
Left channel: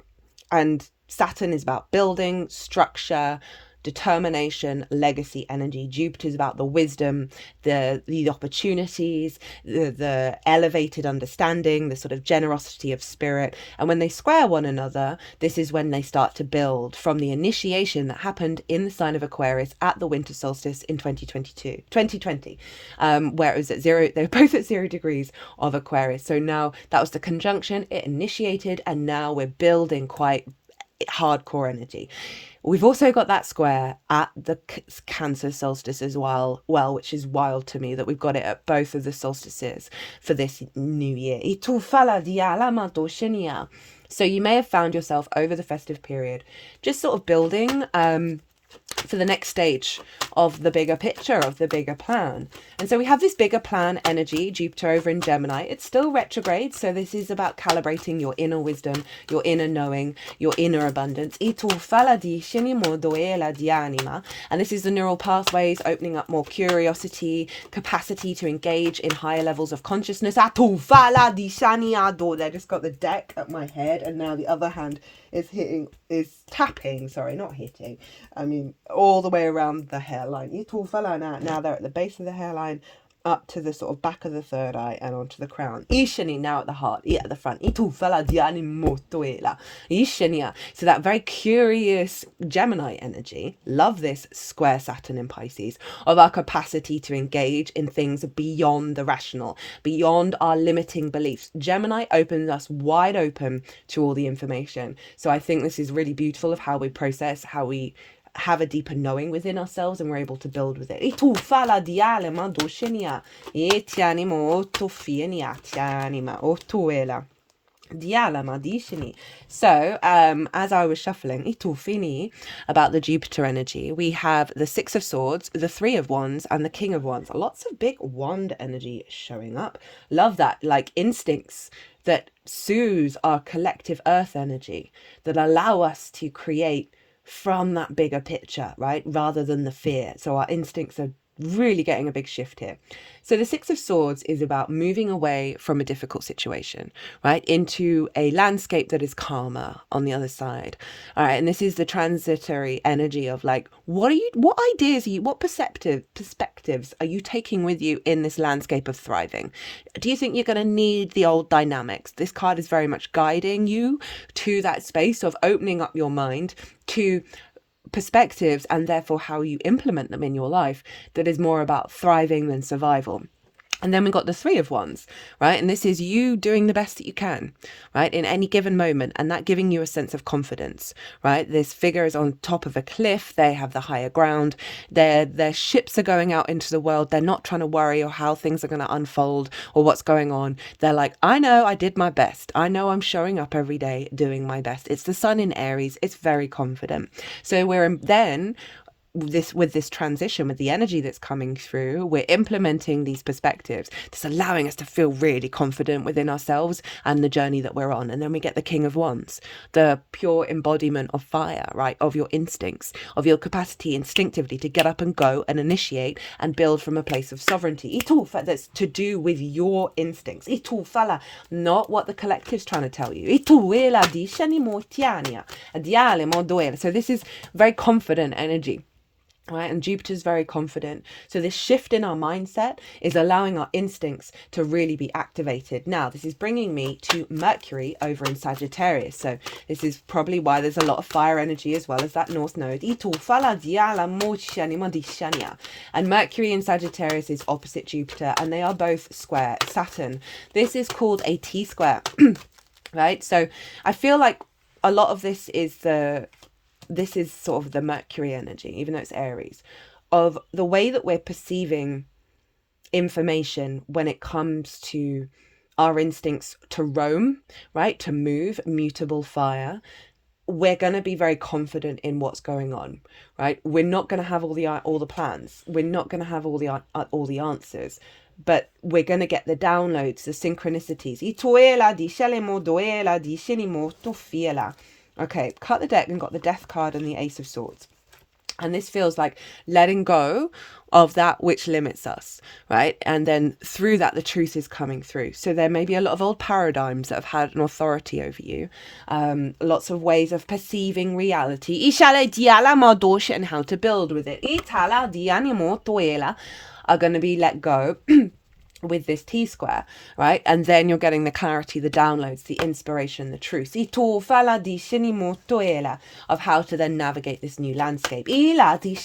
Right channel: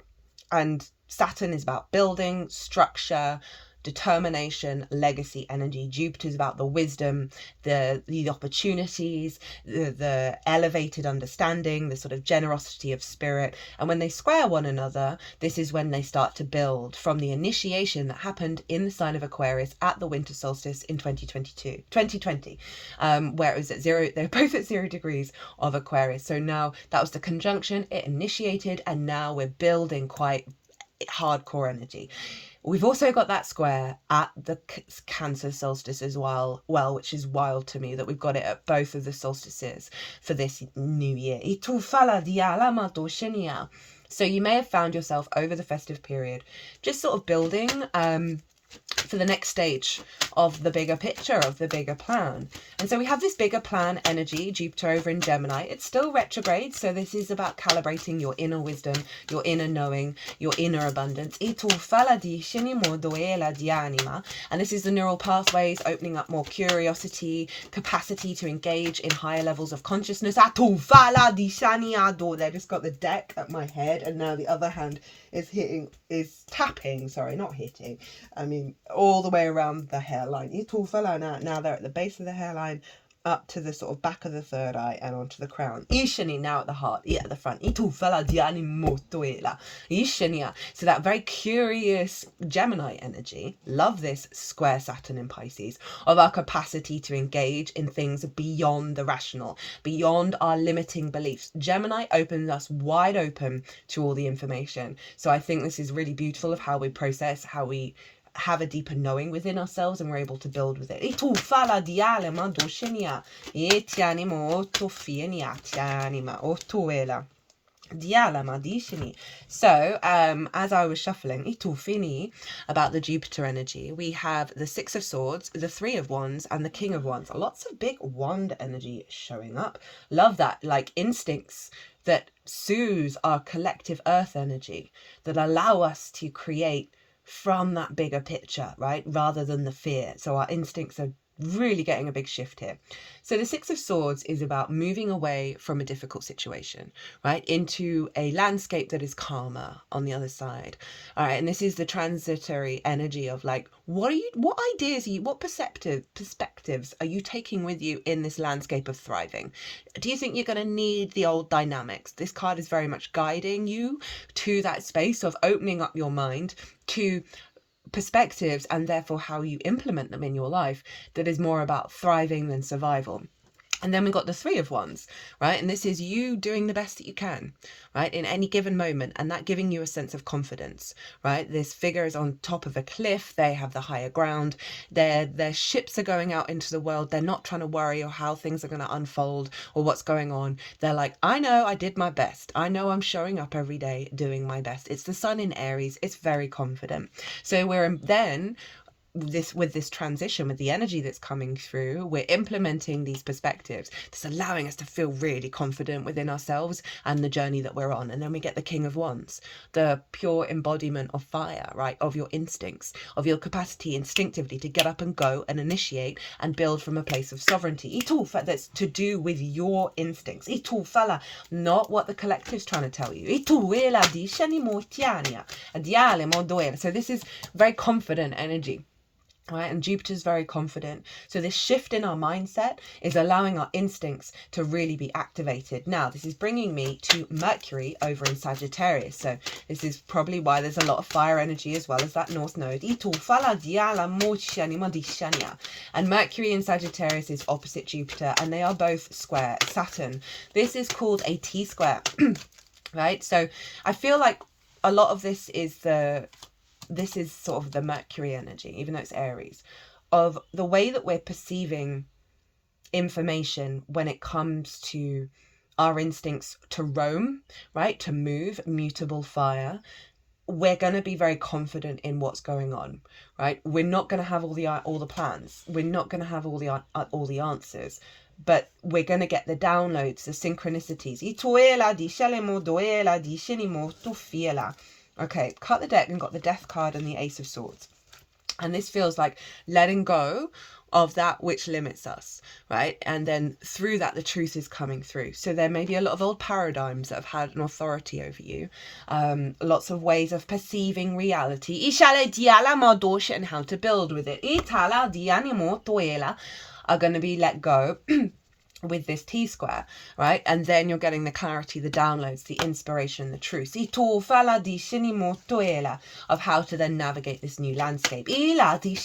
And Saturn is about building, structure, determination, legacy energy. Jupiter is about the wisdom, the opportunities, the elevated understanding, the sort of generosity of spirit. And when they square one another, this is when they start to build from the initiation that happened in the sign of Aquarius at the winter solstice in 2020, where it was at 0, they were both at 0 degrees of Aquarius. So now that was the conjunction, it initiated, and now we're building quite hardcore energy. We've also got that square at the Cancer solstice as well, which is wild to me that we've got it at both of the solstices for this new year. So you may have found yourself over the festive period just sort of building for the next stage of the bigger picture, of the bigger plan. And so we have this bigger plan energy, Jupiter over in Gemini. It's still retrograde, so this is about calibrating your inner wisdom, your inner knowing, your inner abundance. And this is the neural pathways, opening up more curiosity, capacity to engage in higher levels of consciousness. I just got the deck at my head, and now the other hand is tapping, sorry, not hitting, I mean all the way around the hairline. Now they're at the base of the hairline, up to the sort of back of the third eye and onto the crown. Ishani now at the heart, at the front. So that very curious Gemini energy, love this square Saturn in Pisces, of our capacity to engage in things beyond the rational, beyond our limiting beliefs. Gemini opens us wide open to all the information. So I think this is really beautiful of how we process, how we have a deeper knowing within ourselves, and we're able to build with it. So as I was shuffling about the Jupiter energy, we have the Six of Swords, the Three of Wands, and the King of Wands. Lots of big wand energy showing up. Love that, like instincts that soothe our collective earth energy, that allow us to create from that bigger picture, right, rather than the fear. So our instincts are really getting a big shift here. So the Six of Swords is about moving away from a difficult situation, right, into a landscape that is calmer on the other side. All right, and this is the transitory energy of like, what ideas are you, what perspectives are you taking with you in this landscape of thriving? Do you think you're going to need the old dynamics? This card is very much guiding you to that space of opening up your mind to perspectives, and therefore how you implement them in your life, that is more about thriving than survival. And then we got the Three of Wands, right? And this is you doing the best that you can, right, in any given moment, and that giving you a sense of confidence, right? This figure is on top of a cliff. They have the higher ground. Their ships are going out into the world. They're not trying to worry or how things are going to unfold or what's going on. They're like, I know I did my best. I know I'm showing up every day doing my best. It's the sun in Aries. It's very confident. So we're then with this transition, with the energy that's coming through, we're implementing these perspectives that's allowing us to feel really confident within ourselves and the journey that we're on. And then we get the King of Wands, the pure embodiment of fire, right, of your instincts, of your capacity instinctively to get up and go and initiate and build from a place of sovereignty. That's to do with your instincts, not what the collective's trying to tell you. So this is very confident energy. Right, and Jupiter's very confident. So this shift in our mindset is allowing our instincts to really be activated. Now, this is bringing me to Mercury over in Sagittarius. So this is probably why there's a lot of fire energy as well as that North Node. And Mercury in Sagittarius is opposite Jupiter, and they are both square Saturn. This is called a T-square, right? So I feel like a lot of this is sort of the Mercury energy, even though it's Aries, of the way that we're perceiving information when it comes to our instincts to roam, right, to move, mutable fire. We're going to be very confident in what's going on, right? We're not going to have all the plans. We're not going to have all the answers. But we're going to get the downloads, the synchronicities. Okay, cut the deck and got the Death card and the Ace of Swords. And this feels like letting go of that which limits us, right? And then through that, the truth is coming through. So there may be a lot of old paradigms that have had an authority over you. Lots of ways of perceiving reality. And how to build with it. Are going to be let go with this T-square, right? And then you're getting the clarity, the downloads, the inspiration, the truth of how to then navigate this new landscape. Now, the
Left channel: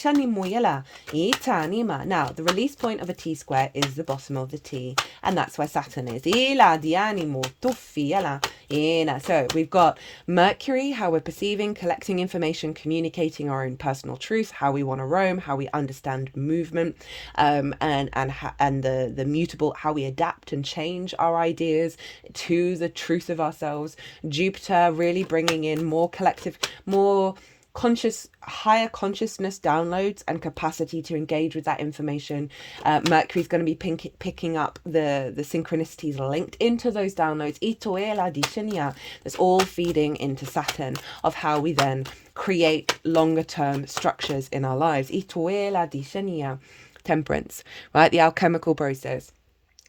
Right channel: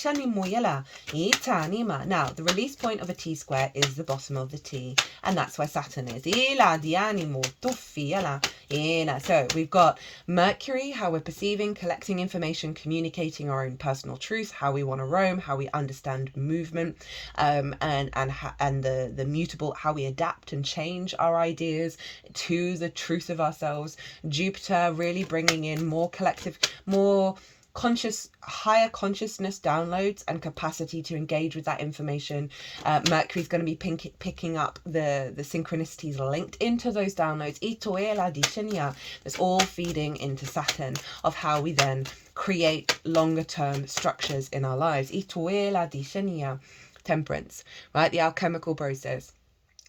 release point of a T-square is the bottom of the T, and that's where Saturn is. So we've got Mercury, how we're perceiving, collecting information, communicating our own personal truth, how we want to roam, how we understand movement, and the mutable, how we adapt and change our ideas to the truth of ourselves. Jupiter really bringing in more collective, more conscious, higher consciousness downloads and capacity to engage with that information. Mercury's going to be picking up the synchronicities linked into those downloads. That's all feeding into Saturn, of how we then create longer term structures in our lives. Temperance, right? The alchemical process.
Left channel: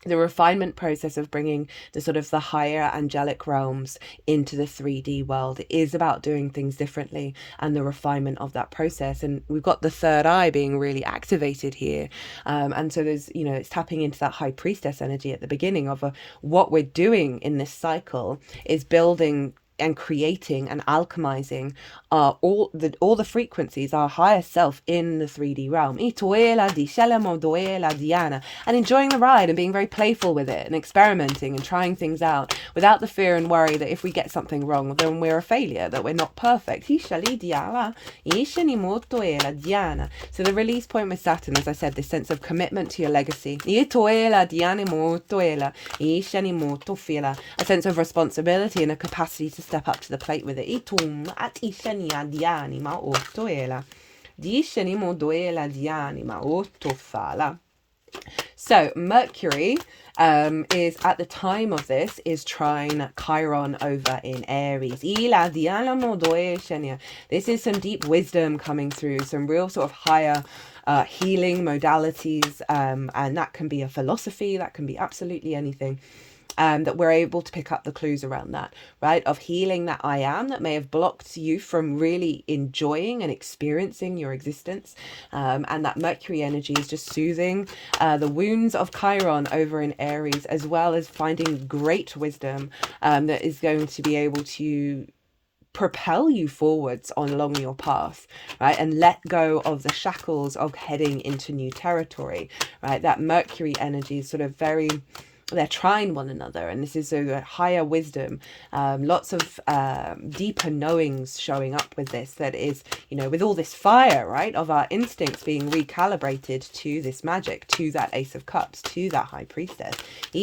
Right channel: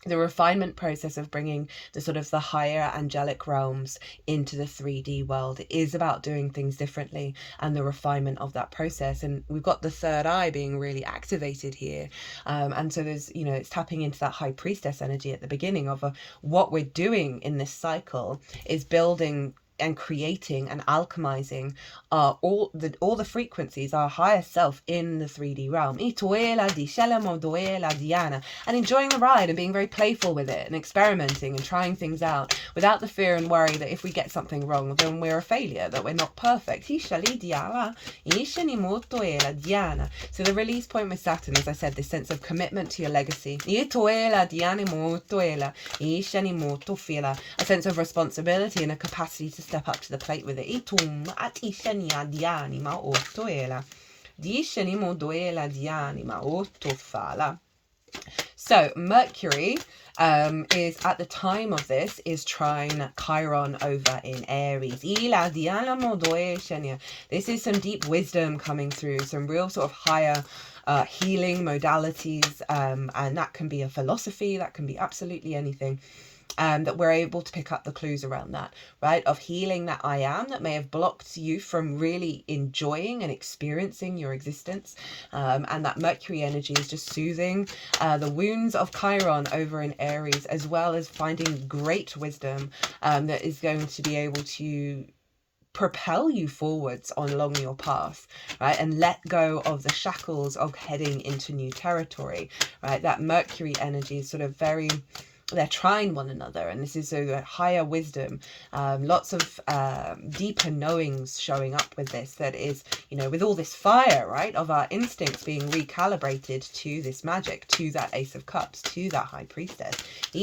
The refinement process of bringing the sort of the higher angelic realms into the 3D world is about doing things differently, and the refinement of that process. And we've got the third eye being really activated here. And so there's, it's tapping into that high priestess energy at the beginning of what we're doing in this cycle is building and creating and alchemizing all the frequencies, our higher self in the 3D realm. And enjoying the ride and being very playful with it and experimenting and trying things out without the fear and worry that if we get something wrong, then we're a failure, that we're not perfect. So the release point with Saturn, as I said, this sense of commitment to your legacy. A sense of responsibility and a capacity to step up to the plate with it. So Mercury is at the time of this is trine Chiron over in Aries. This is some deep wisdom coming through, some real sort of higher healing modalities, and that can be a philosophy, that can be absolutely anything. That we're able to pick up the clues around that, right? Of healing that I am that may have blocked you from really enjoying and experiencing your existence. And that Mercury energy is just soothing the wounds of Chiron over in Aries, as well as finding great wisdom that is going to be able to propel you forwards along your path, right? And let go of the shackles of heading into new territory, right? That Mercury energy is sort of very, they're trying one another, and this is a higher wisdom, lots of deeper knowings showing up with this, that is, you know, with all this fire, right, of our instincts being recalibrated to this magic, to that Ace of Cups, to that High Priestess. Now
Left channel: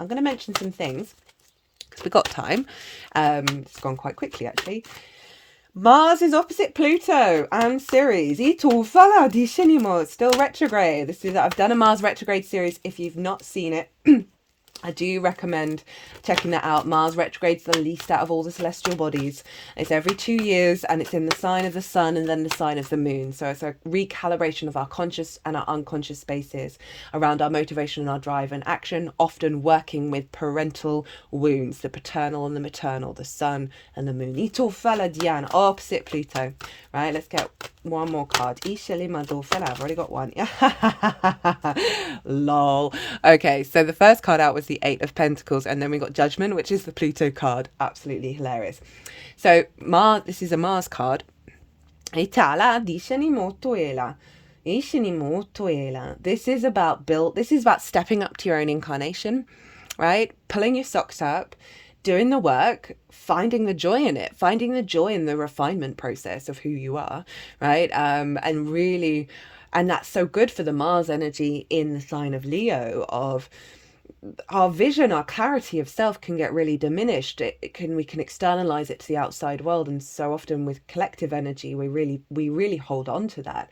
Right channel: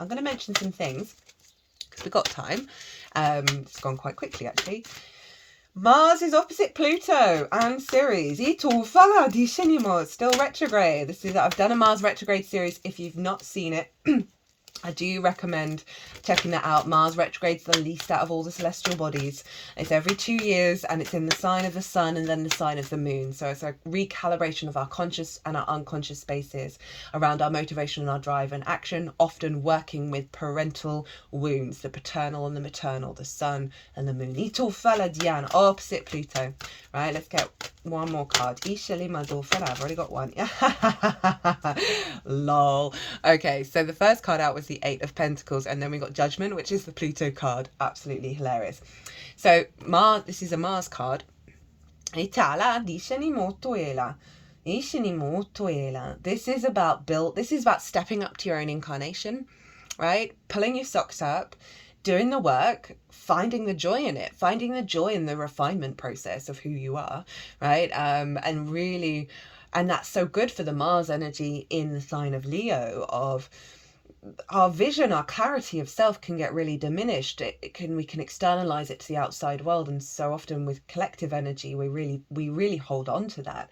I'm going to mention some things because we've got time. It's gone quite quickly actually. Mars is opposite Pluto and Ceres. Still retrograde. I've done a Mars retrograde series. If you've not seen it, I do recommend checking that out. Mars retrograde's the least out of all the celestial bodies. It's every 2 years, and it's in the sign of the sun and then the sign of the moon. So it's a recalibration of our conscious and our unconscious spaces around our motivation and our drive and action, often working with parental wounds, the paternal and the maternal, the sun and the moon. Diana, opposite Pluto. Right, let's get one more card. I've already got one. Lol. Okay, so the first card out was the Eight of Pentacles, and then we got Judgment, which is the Pluto card. Absolutely hilarious. So Mars, this is a Mars card. This is about stepping up to your own incarnation, right? Pulling your socks up, doing the work, finding the joy in it, finding the joy in the refinement process of who you are, right? And really, and that's so good for the Mars energy in the sign of Leo, of our vision, our clarity of self can get really diminished. We can externalize it to the outside world, and so often with collective energy, we really hold on to that,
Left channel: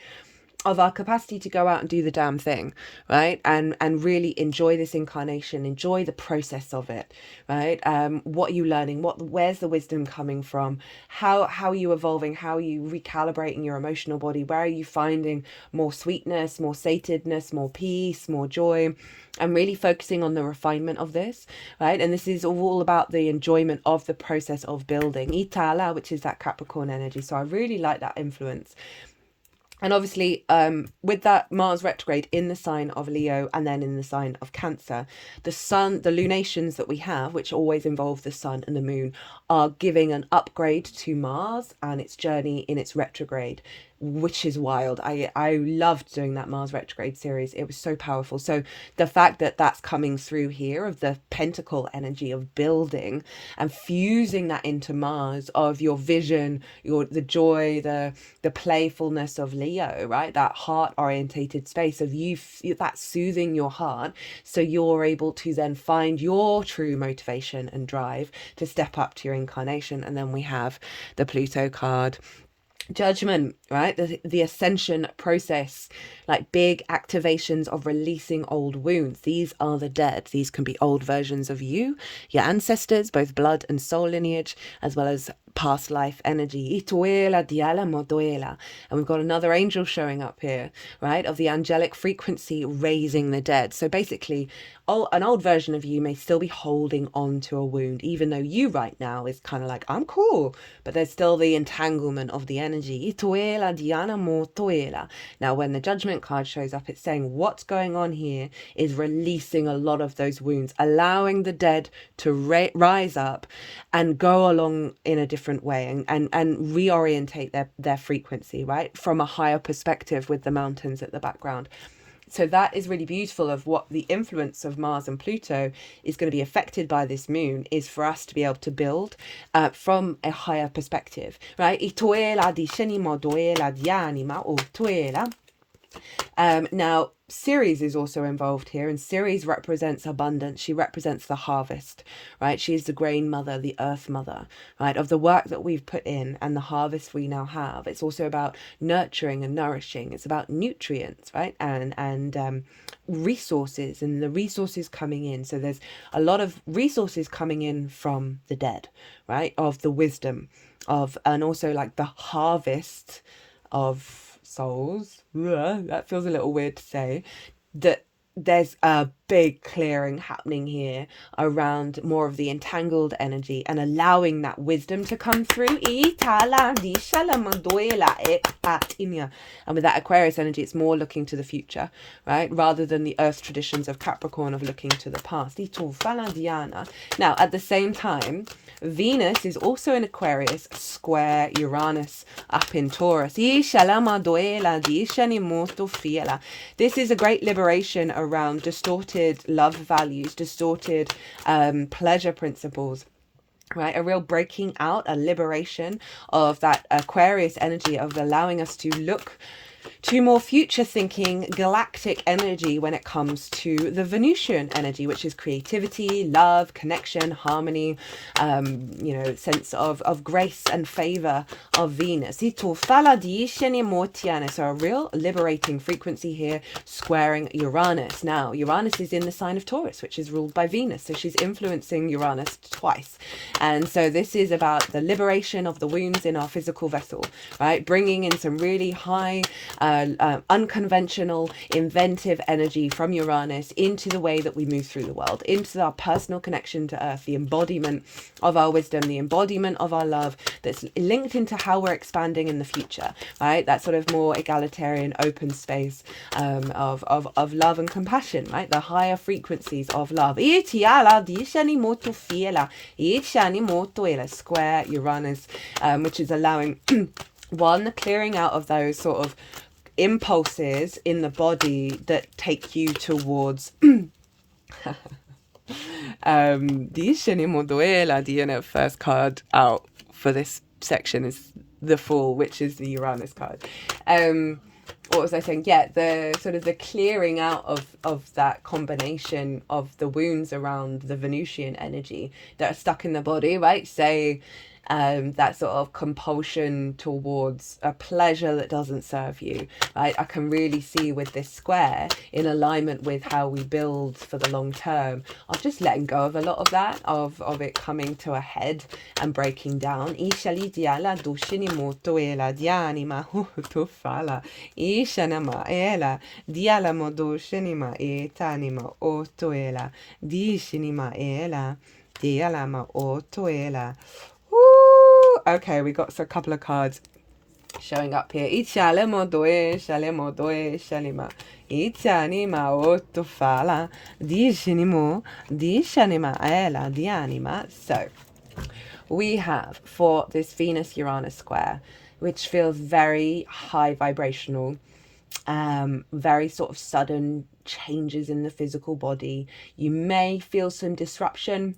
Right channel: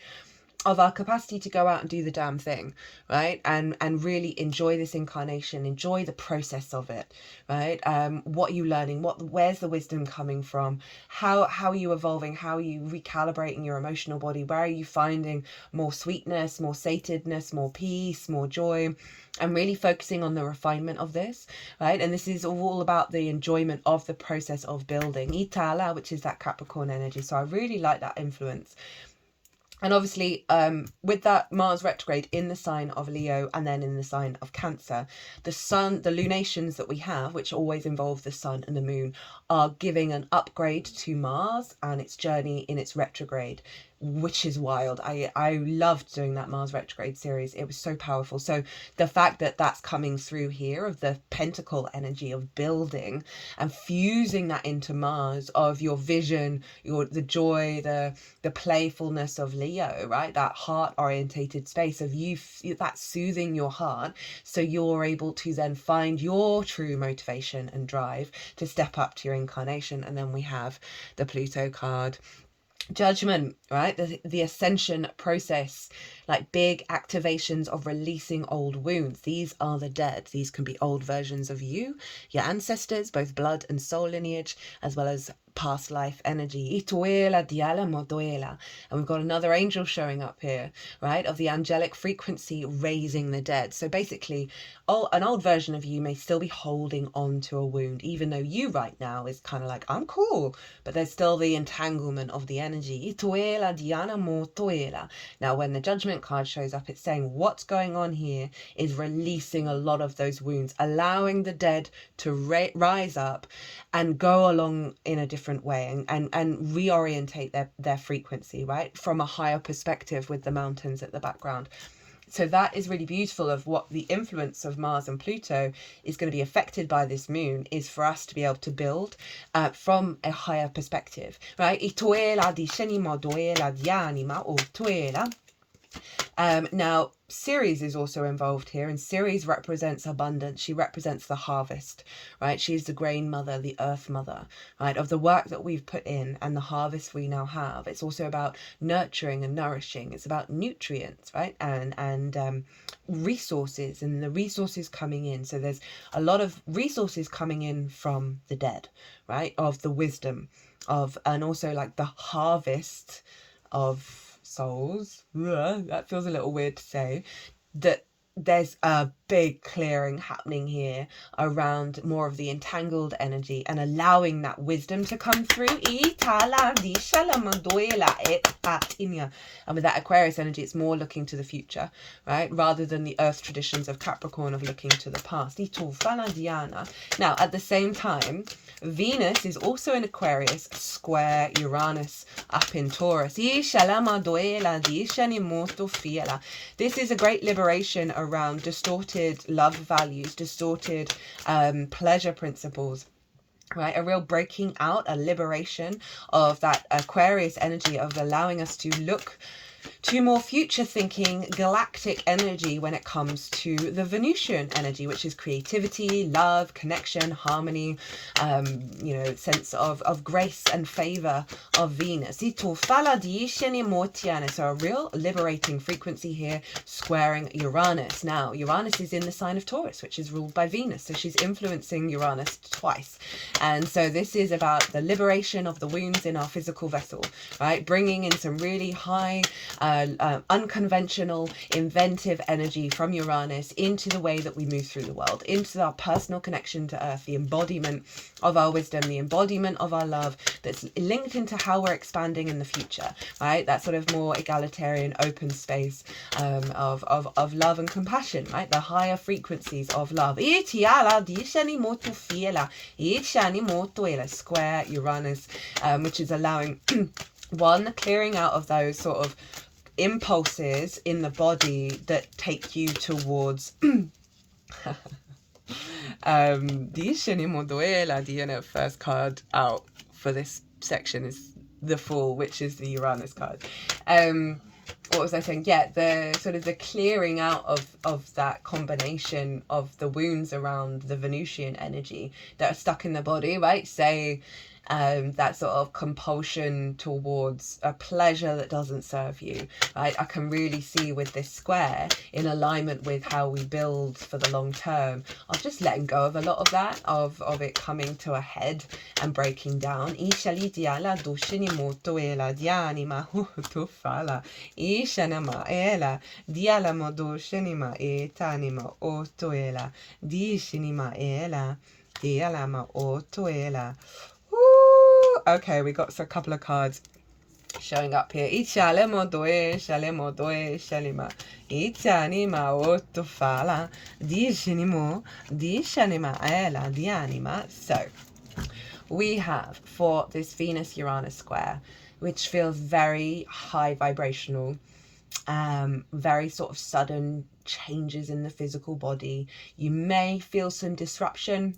of our capacity to go out and do the damn thing, right? And really enjoy this incarnation, enjoy the process of it, right? What are you learning? Where's the wisdom coming from? How are you evolving? How are you recalibrating your emotional body? Where are you finding more sweetness, more satedness, more peace, more joy? And really focusing on the refinement of this, right? And this is all about the enjoyment of the process of building. Itala, which is that Capricorn energy. So I really like that influence. And obviously, with that Mars retrograde in the sign of Leo and then in the sign of Cancer, the sun, the lunations that we have, which always involve the sun and the moon, are giving an upgrade to Mars and its journey in its retrograde, which is wild. I loved doing that Mars retrograde series. It was so powerful. So the fact that that's coming through here, of the pentacle energy of building and fusing that into Mars, of your vision, the joy, the playfulness of Leo, right? That heart orientated space of you, that soothing your heart, so you're able to then find your true motivation and drive to step up to your incarnation. And then we have the Pluto card, Judgment, right? The ascension process, like big activations of releasing old wounds. These are the dead. These can be old versions of you, your ancestors, both blood and soul lineage, as well as past life energy. And we've got another angel showing up here, right? Of the angelic frequency raising the dead. So basically, an old version of you may still be holding on to a wound, even though you right now is kind of like, I'm cool, but there's still the entanglement of the energy. Now, when the Judgment card shows up, it's saying what's going on here is releasing a lot of those wounds, allowing the dead to rise up and go along in a different way and reorientate their frequency, right? From a higher perspective with the mountains at the background. So that is really beautiful, of what the influence of Mars and Pluto is going to be affected by this moon, is for us to be able to build from a higher perspective, right? Now, Ceres is also involved here, and Ceres represents abundance. She represents the harvest, right? She's the grain mother, the earth mother, right? Of the work that we've put in and the harvest we now have. It's also about nurturing and nourishing. It's about nutrients, right? And resources, and the resources coming in. So there's a lot of resources coming in from the dead, right? Of the wisdom of, and also like the harvest of souls. That feels a little weird to say. That there's a big clearing happening here around more of the entangled energy and allowing that wisdom to come through. And with that Aquarius energy, it's more looking to the future, right? Rather than the earth traditions of Capricorn of looking to the past. Now, at the same time, Venus is also in Aquarius, square Uranus up in Taurus. This is a great liberation around distorted love values, distorted pleasure principles. Right, a real breaking out, a liberation of that Aquarius energy of allowing us to look to more future thinking galactic energy when it comes to the Venusian energy, which is creativity, love, connection, harmony, sense of grace and favor of Venus. So a real liberating frequency here, squaring Uranus. Now, Uranus is in the sign of Taurus, which is ruled by Venus. So she's influencing Uranus twice. And so this is about the liberation of the wounds in our physical vessel, right? Bringing in some really high, unconventional, inventive energy from Uranus into the way that we move through the world, into our personal connection to Earth, the embodiment of our wisdom, the embodiment of our love that's linked into how we're expanding in the future, right? That sort of more egalitarian, open space of love and compassion, right? The higher frequencies of love. Square Uranus, which is allowing one, clearing out of those sort of impulses in the body that take you towards the first card out for this section is the Fool, which is the Uranus card. What was I saying? Yeah, the sort of the clearing out of that combination of the wounds around the Venusian energy that are stuck in the body, right? Say that sort of compulsion towards a pleasure that doesn't serve you, right? I can really see with this square, in alignment with how we build for the long term, of just letting go of a lot of that, of it coming to a head and breaking down. Okay, we got a couple of cards showing up here. So we have for this Venus Uranus square, which feels very high vibrational, very sort of sudden changes in the physical body. You may feel some disruption,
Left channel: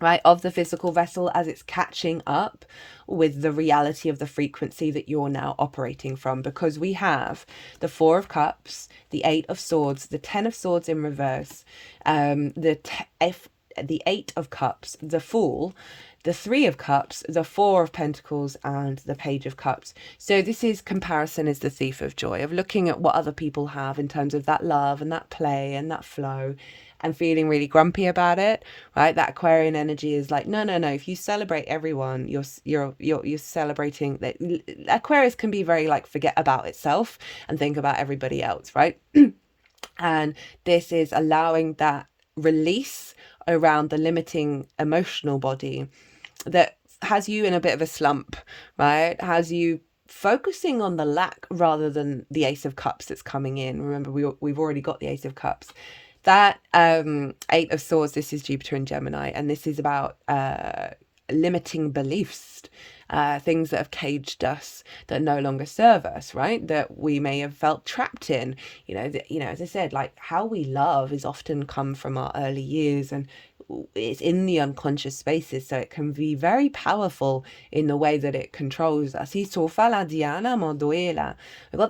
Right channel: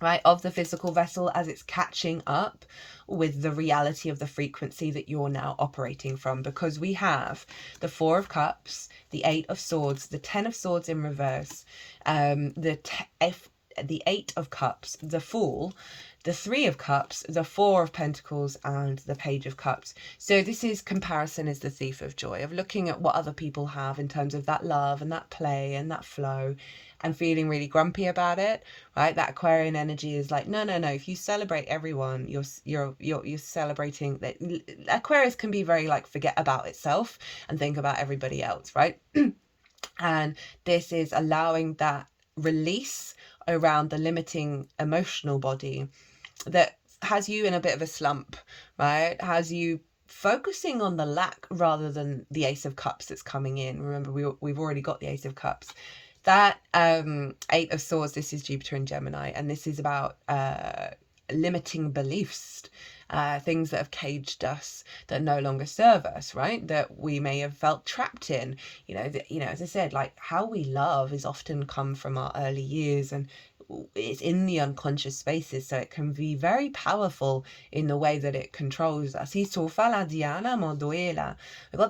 right, of the physical vessel as it's catching up with the reality of the frequency that you're now operating from, because we have the Four of Cups, the Eight of Swords, the Ten of Swords in reverse, the Eight of Cups, the Fool, the Three of Cups, the Four of Pentacles, and the Page of Cups. So this is comparison is the thief of joy, of looking at what other people have in terms of that love and that play and that flow, and feeling really grumpy about it, right? That Aquarian energy is like, no. If you celebrate everyone, you're celebrating that. Aquarius can be very like forget about itself and think about everybody else, right? And this is allowing that release around the limiting emotional body that has you in a bit of a slump, right? Has you focusing on the lack rather than the Ace of Cups that's coming in. Remember, we've already got the Ace of Cups. That Eight of Swords, this is Jupiter in Gemini, and this is about limiting beliefs things that have caged us that no longer serve us, right? That we may have felt trapped in. As I said, like how we love is often come from our early years, and it's in the unconscious spaces, so it can be very powerful in the way that it controls us. We've got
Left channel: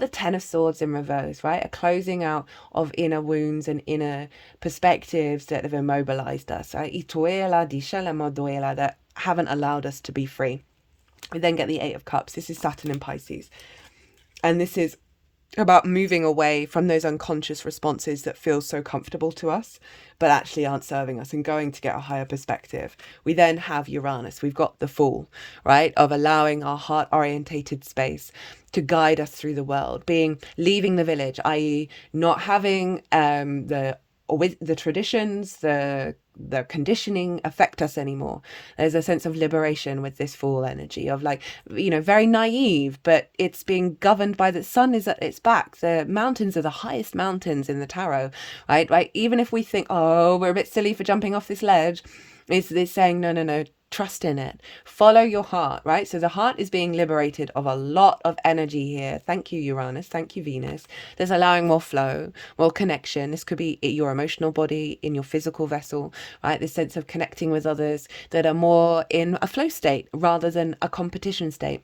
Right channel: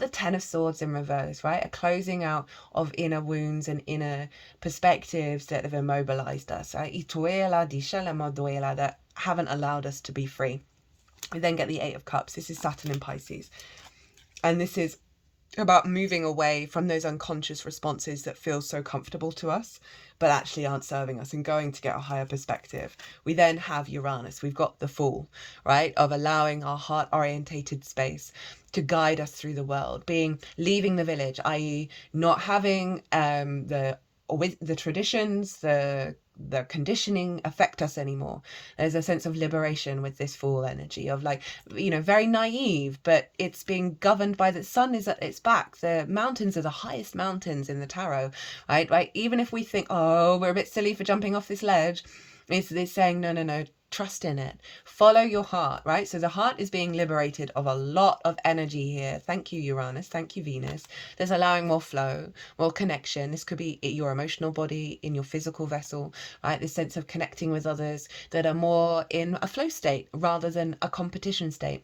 the Ten of Swords in reverse, right? A closing out of inner wounds and inner perspectives that have immobilized us, right? That haven't allowed us to be free. We then get the Eight of Cups. This is Saturn in Pisces, and this is about moving away from those unconscious responses that feel so comfortable to us but actually aren't serving us, and going to get a higher perspective. We then have Uranus. We've got the Fool, right, of allowing our heart orientated space to guide us through the world, leaving the village, i.e. not having the traditions, the conditioning affect us anymore. There's a sense of liberation with this Fool energy of very naive, but it's being governed by the sun is at its back. The mountains are the highest mountains in the tarot, right? Even if we think, oh, we're a bit silly for jumping off this ledge, it's saying, no, trust in it. Follow your heart, right? So the heart is being liberated of a lot of energy here. Thank you, Uranus. Thank you, Venus. There's allowing more flow, more connection. This could be your emotional body, in your physical vessel, right? This sense of connecting with others that are more in a flow state rather than a competition state.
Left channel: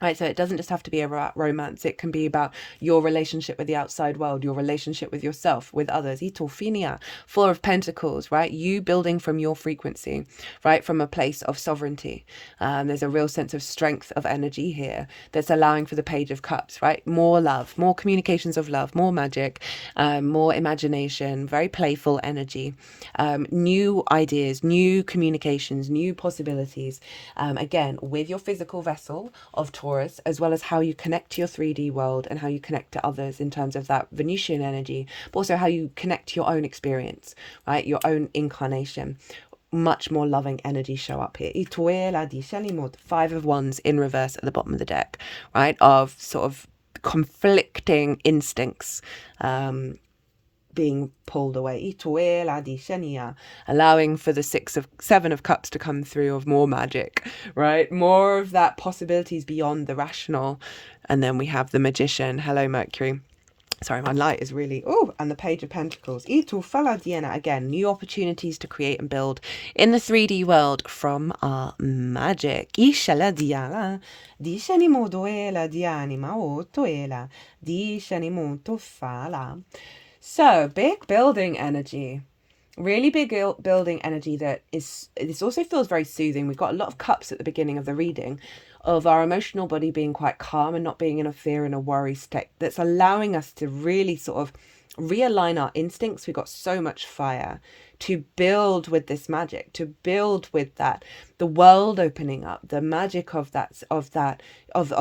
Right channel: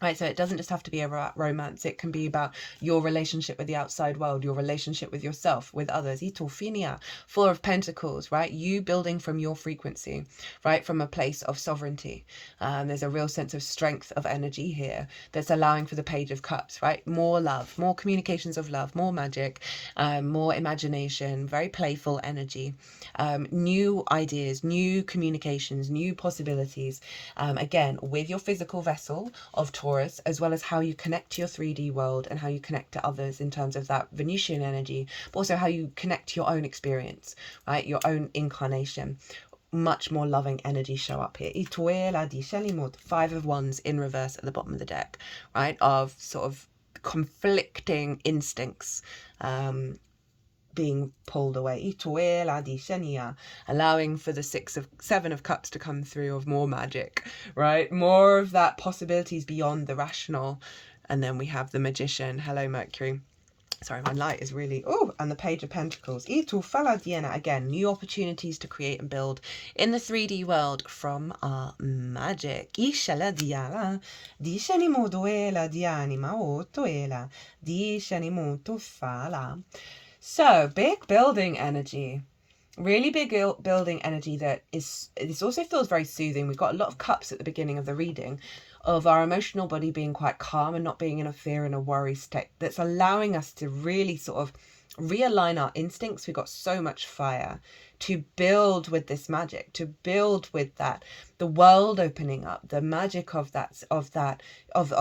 Right, so it doesn't just have to be about romance. It can be about your relationship with the outside world, your relationship with yourself, with others. Itolfinia, Four of Pentacles, right? You building from your frequency, right? From a place of sovereignty. There's a real sense of strength of energy here that's allowing for the Page of Cups, right? More love, more communications of love, more magic, more imagination, very playful energy, new ideas, new communications, new possibilities. Again, with your physical vessel of Taurus, as well as how you connect to your 3D world and how you connect to others in terms of that Venusian energy, but also how you connect to your own experience, right? Your own incarnation. Much more loving energy show up here. Five of Wands in reverse at the bottom of the deck, right? Of sort of conflicting instincts, being pulled away, allowing for the Seven of Cups to come through, of more magic, right? More of that possibilities beyond the rational. And then we have the Magician. Hello, Mercury. Sorry, my light is really... Oh, and the Page of Pentacles. Again, new opportunities to create and build in the 3D world from our magic. So, big building energy. Really big building energy this also feels very soothing. We've got a lot of cups at the beginning of the reading of our emotional body being quite calm and not being in a fear and a worry state. That's allowing us to really sort of realign our instincts. We've got so much fire to build with this magic, to build with that, the world opening up, the magic of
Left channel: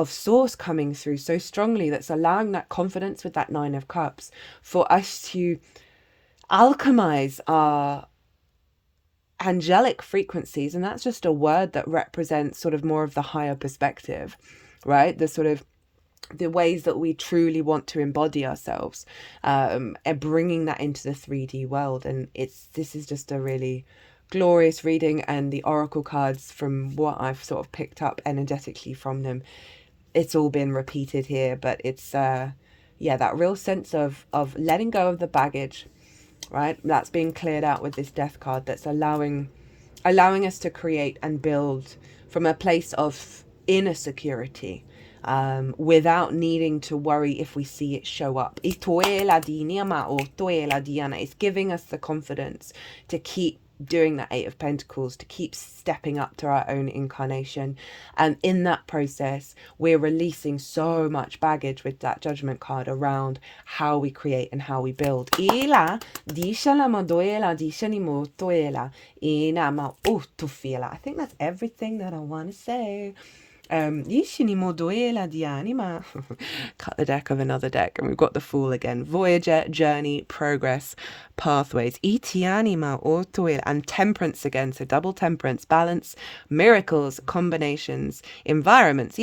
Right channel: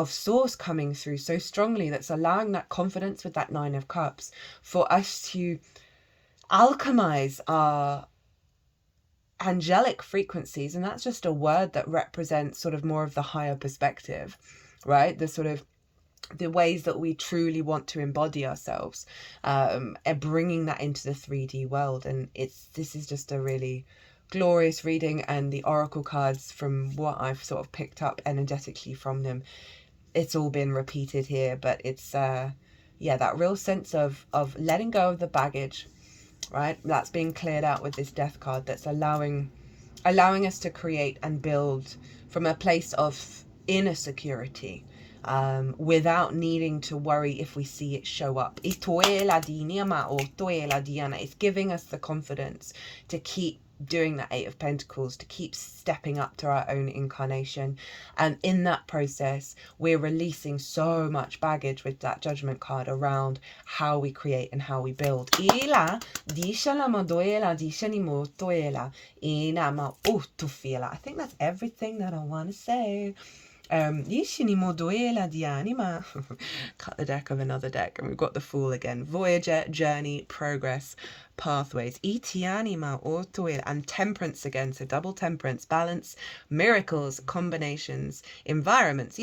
source coming through so strongly, that's allowing that confidence with that Nine of Cups for us to alchemize our angelic frequencies. And that's just a word that represents sort of more of the higher perspective, right? The ways that we truly want to embody ourselves, and bringing that into the 3D world. And this is just a really glorious reading, and the oracle cards, from what I've sort of picked up energetically from them, it's all been repeated here, but it's that real sense of letting go of the baggage, right? That's being cleared out with this Death card, that's allowing us to create and build from a place of inner security, without needing to worry if we see it show up. It's giving us the confidence to keep doing that Eight of Pentacles, to keep stepping up to our own incarnation. And in that process, we're releasing so much baggage with that Judgment card around how we create and how we build. I think that's everything that I want to say. Cut the deck of another deck, and we've got the Fool again. Voyager, journey, progress, pathways. And Temperance again, so double Temperance, balance, miracles, combinations, environments.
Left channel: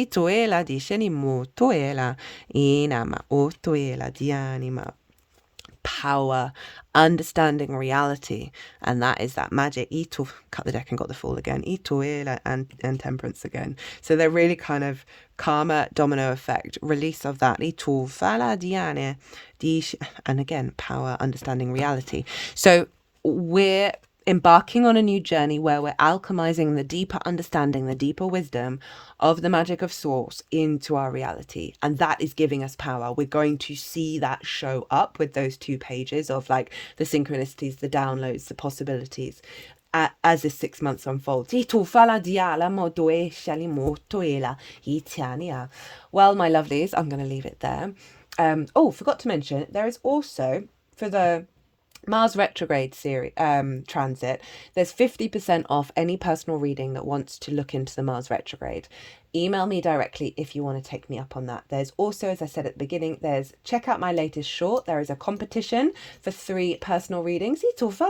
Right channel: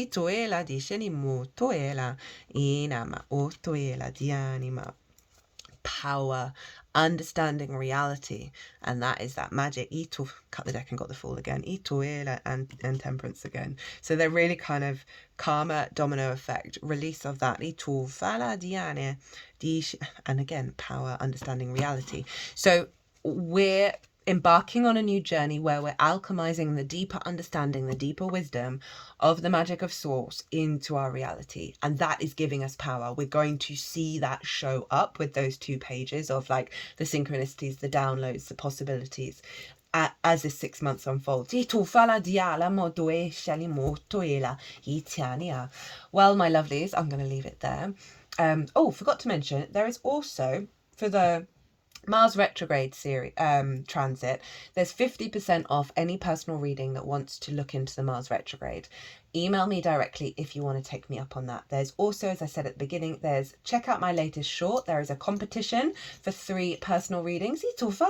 power, understanding reality, and that is that magic. Ito, cut the deck and got the Fool again. Ito and Temperance again. So they're really kind of karma, domino effect, release of that. Ito fala diane, and again, power, understanding reality. So we're embarking on a new journey where we're alchemizing the deeper understanding, the deeper wisdom of the magic of source into our reality, and that is giving us power. We're going to see that show up with those 2 pages of like the synchronicities, the downloads, the possibilities as this 6 months unfolds. Well, my lovelies, I'm going to leave it there. Forgot to mention, there is also, for the Mars retrograde series transit, there's 50% off any personal reading that wants to look into the Mars retrograde. Email me directly if you want to take me up on that. There's also, as I said at the beginning, check out my latest short. There is a competition for 3 personal readings. But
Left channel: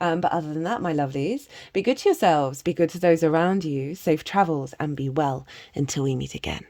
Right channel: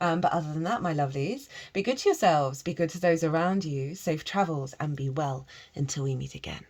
other than that, my lovelies, be good to yourselves, be good to those around you, safe travels, and be well until we meet again.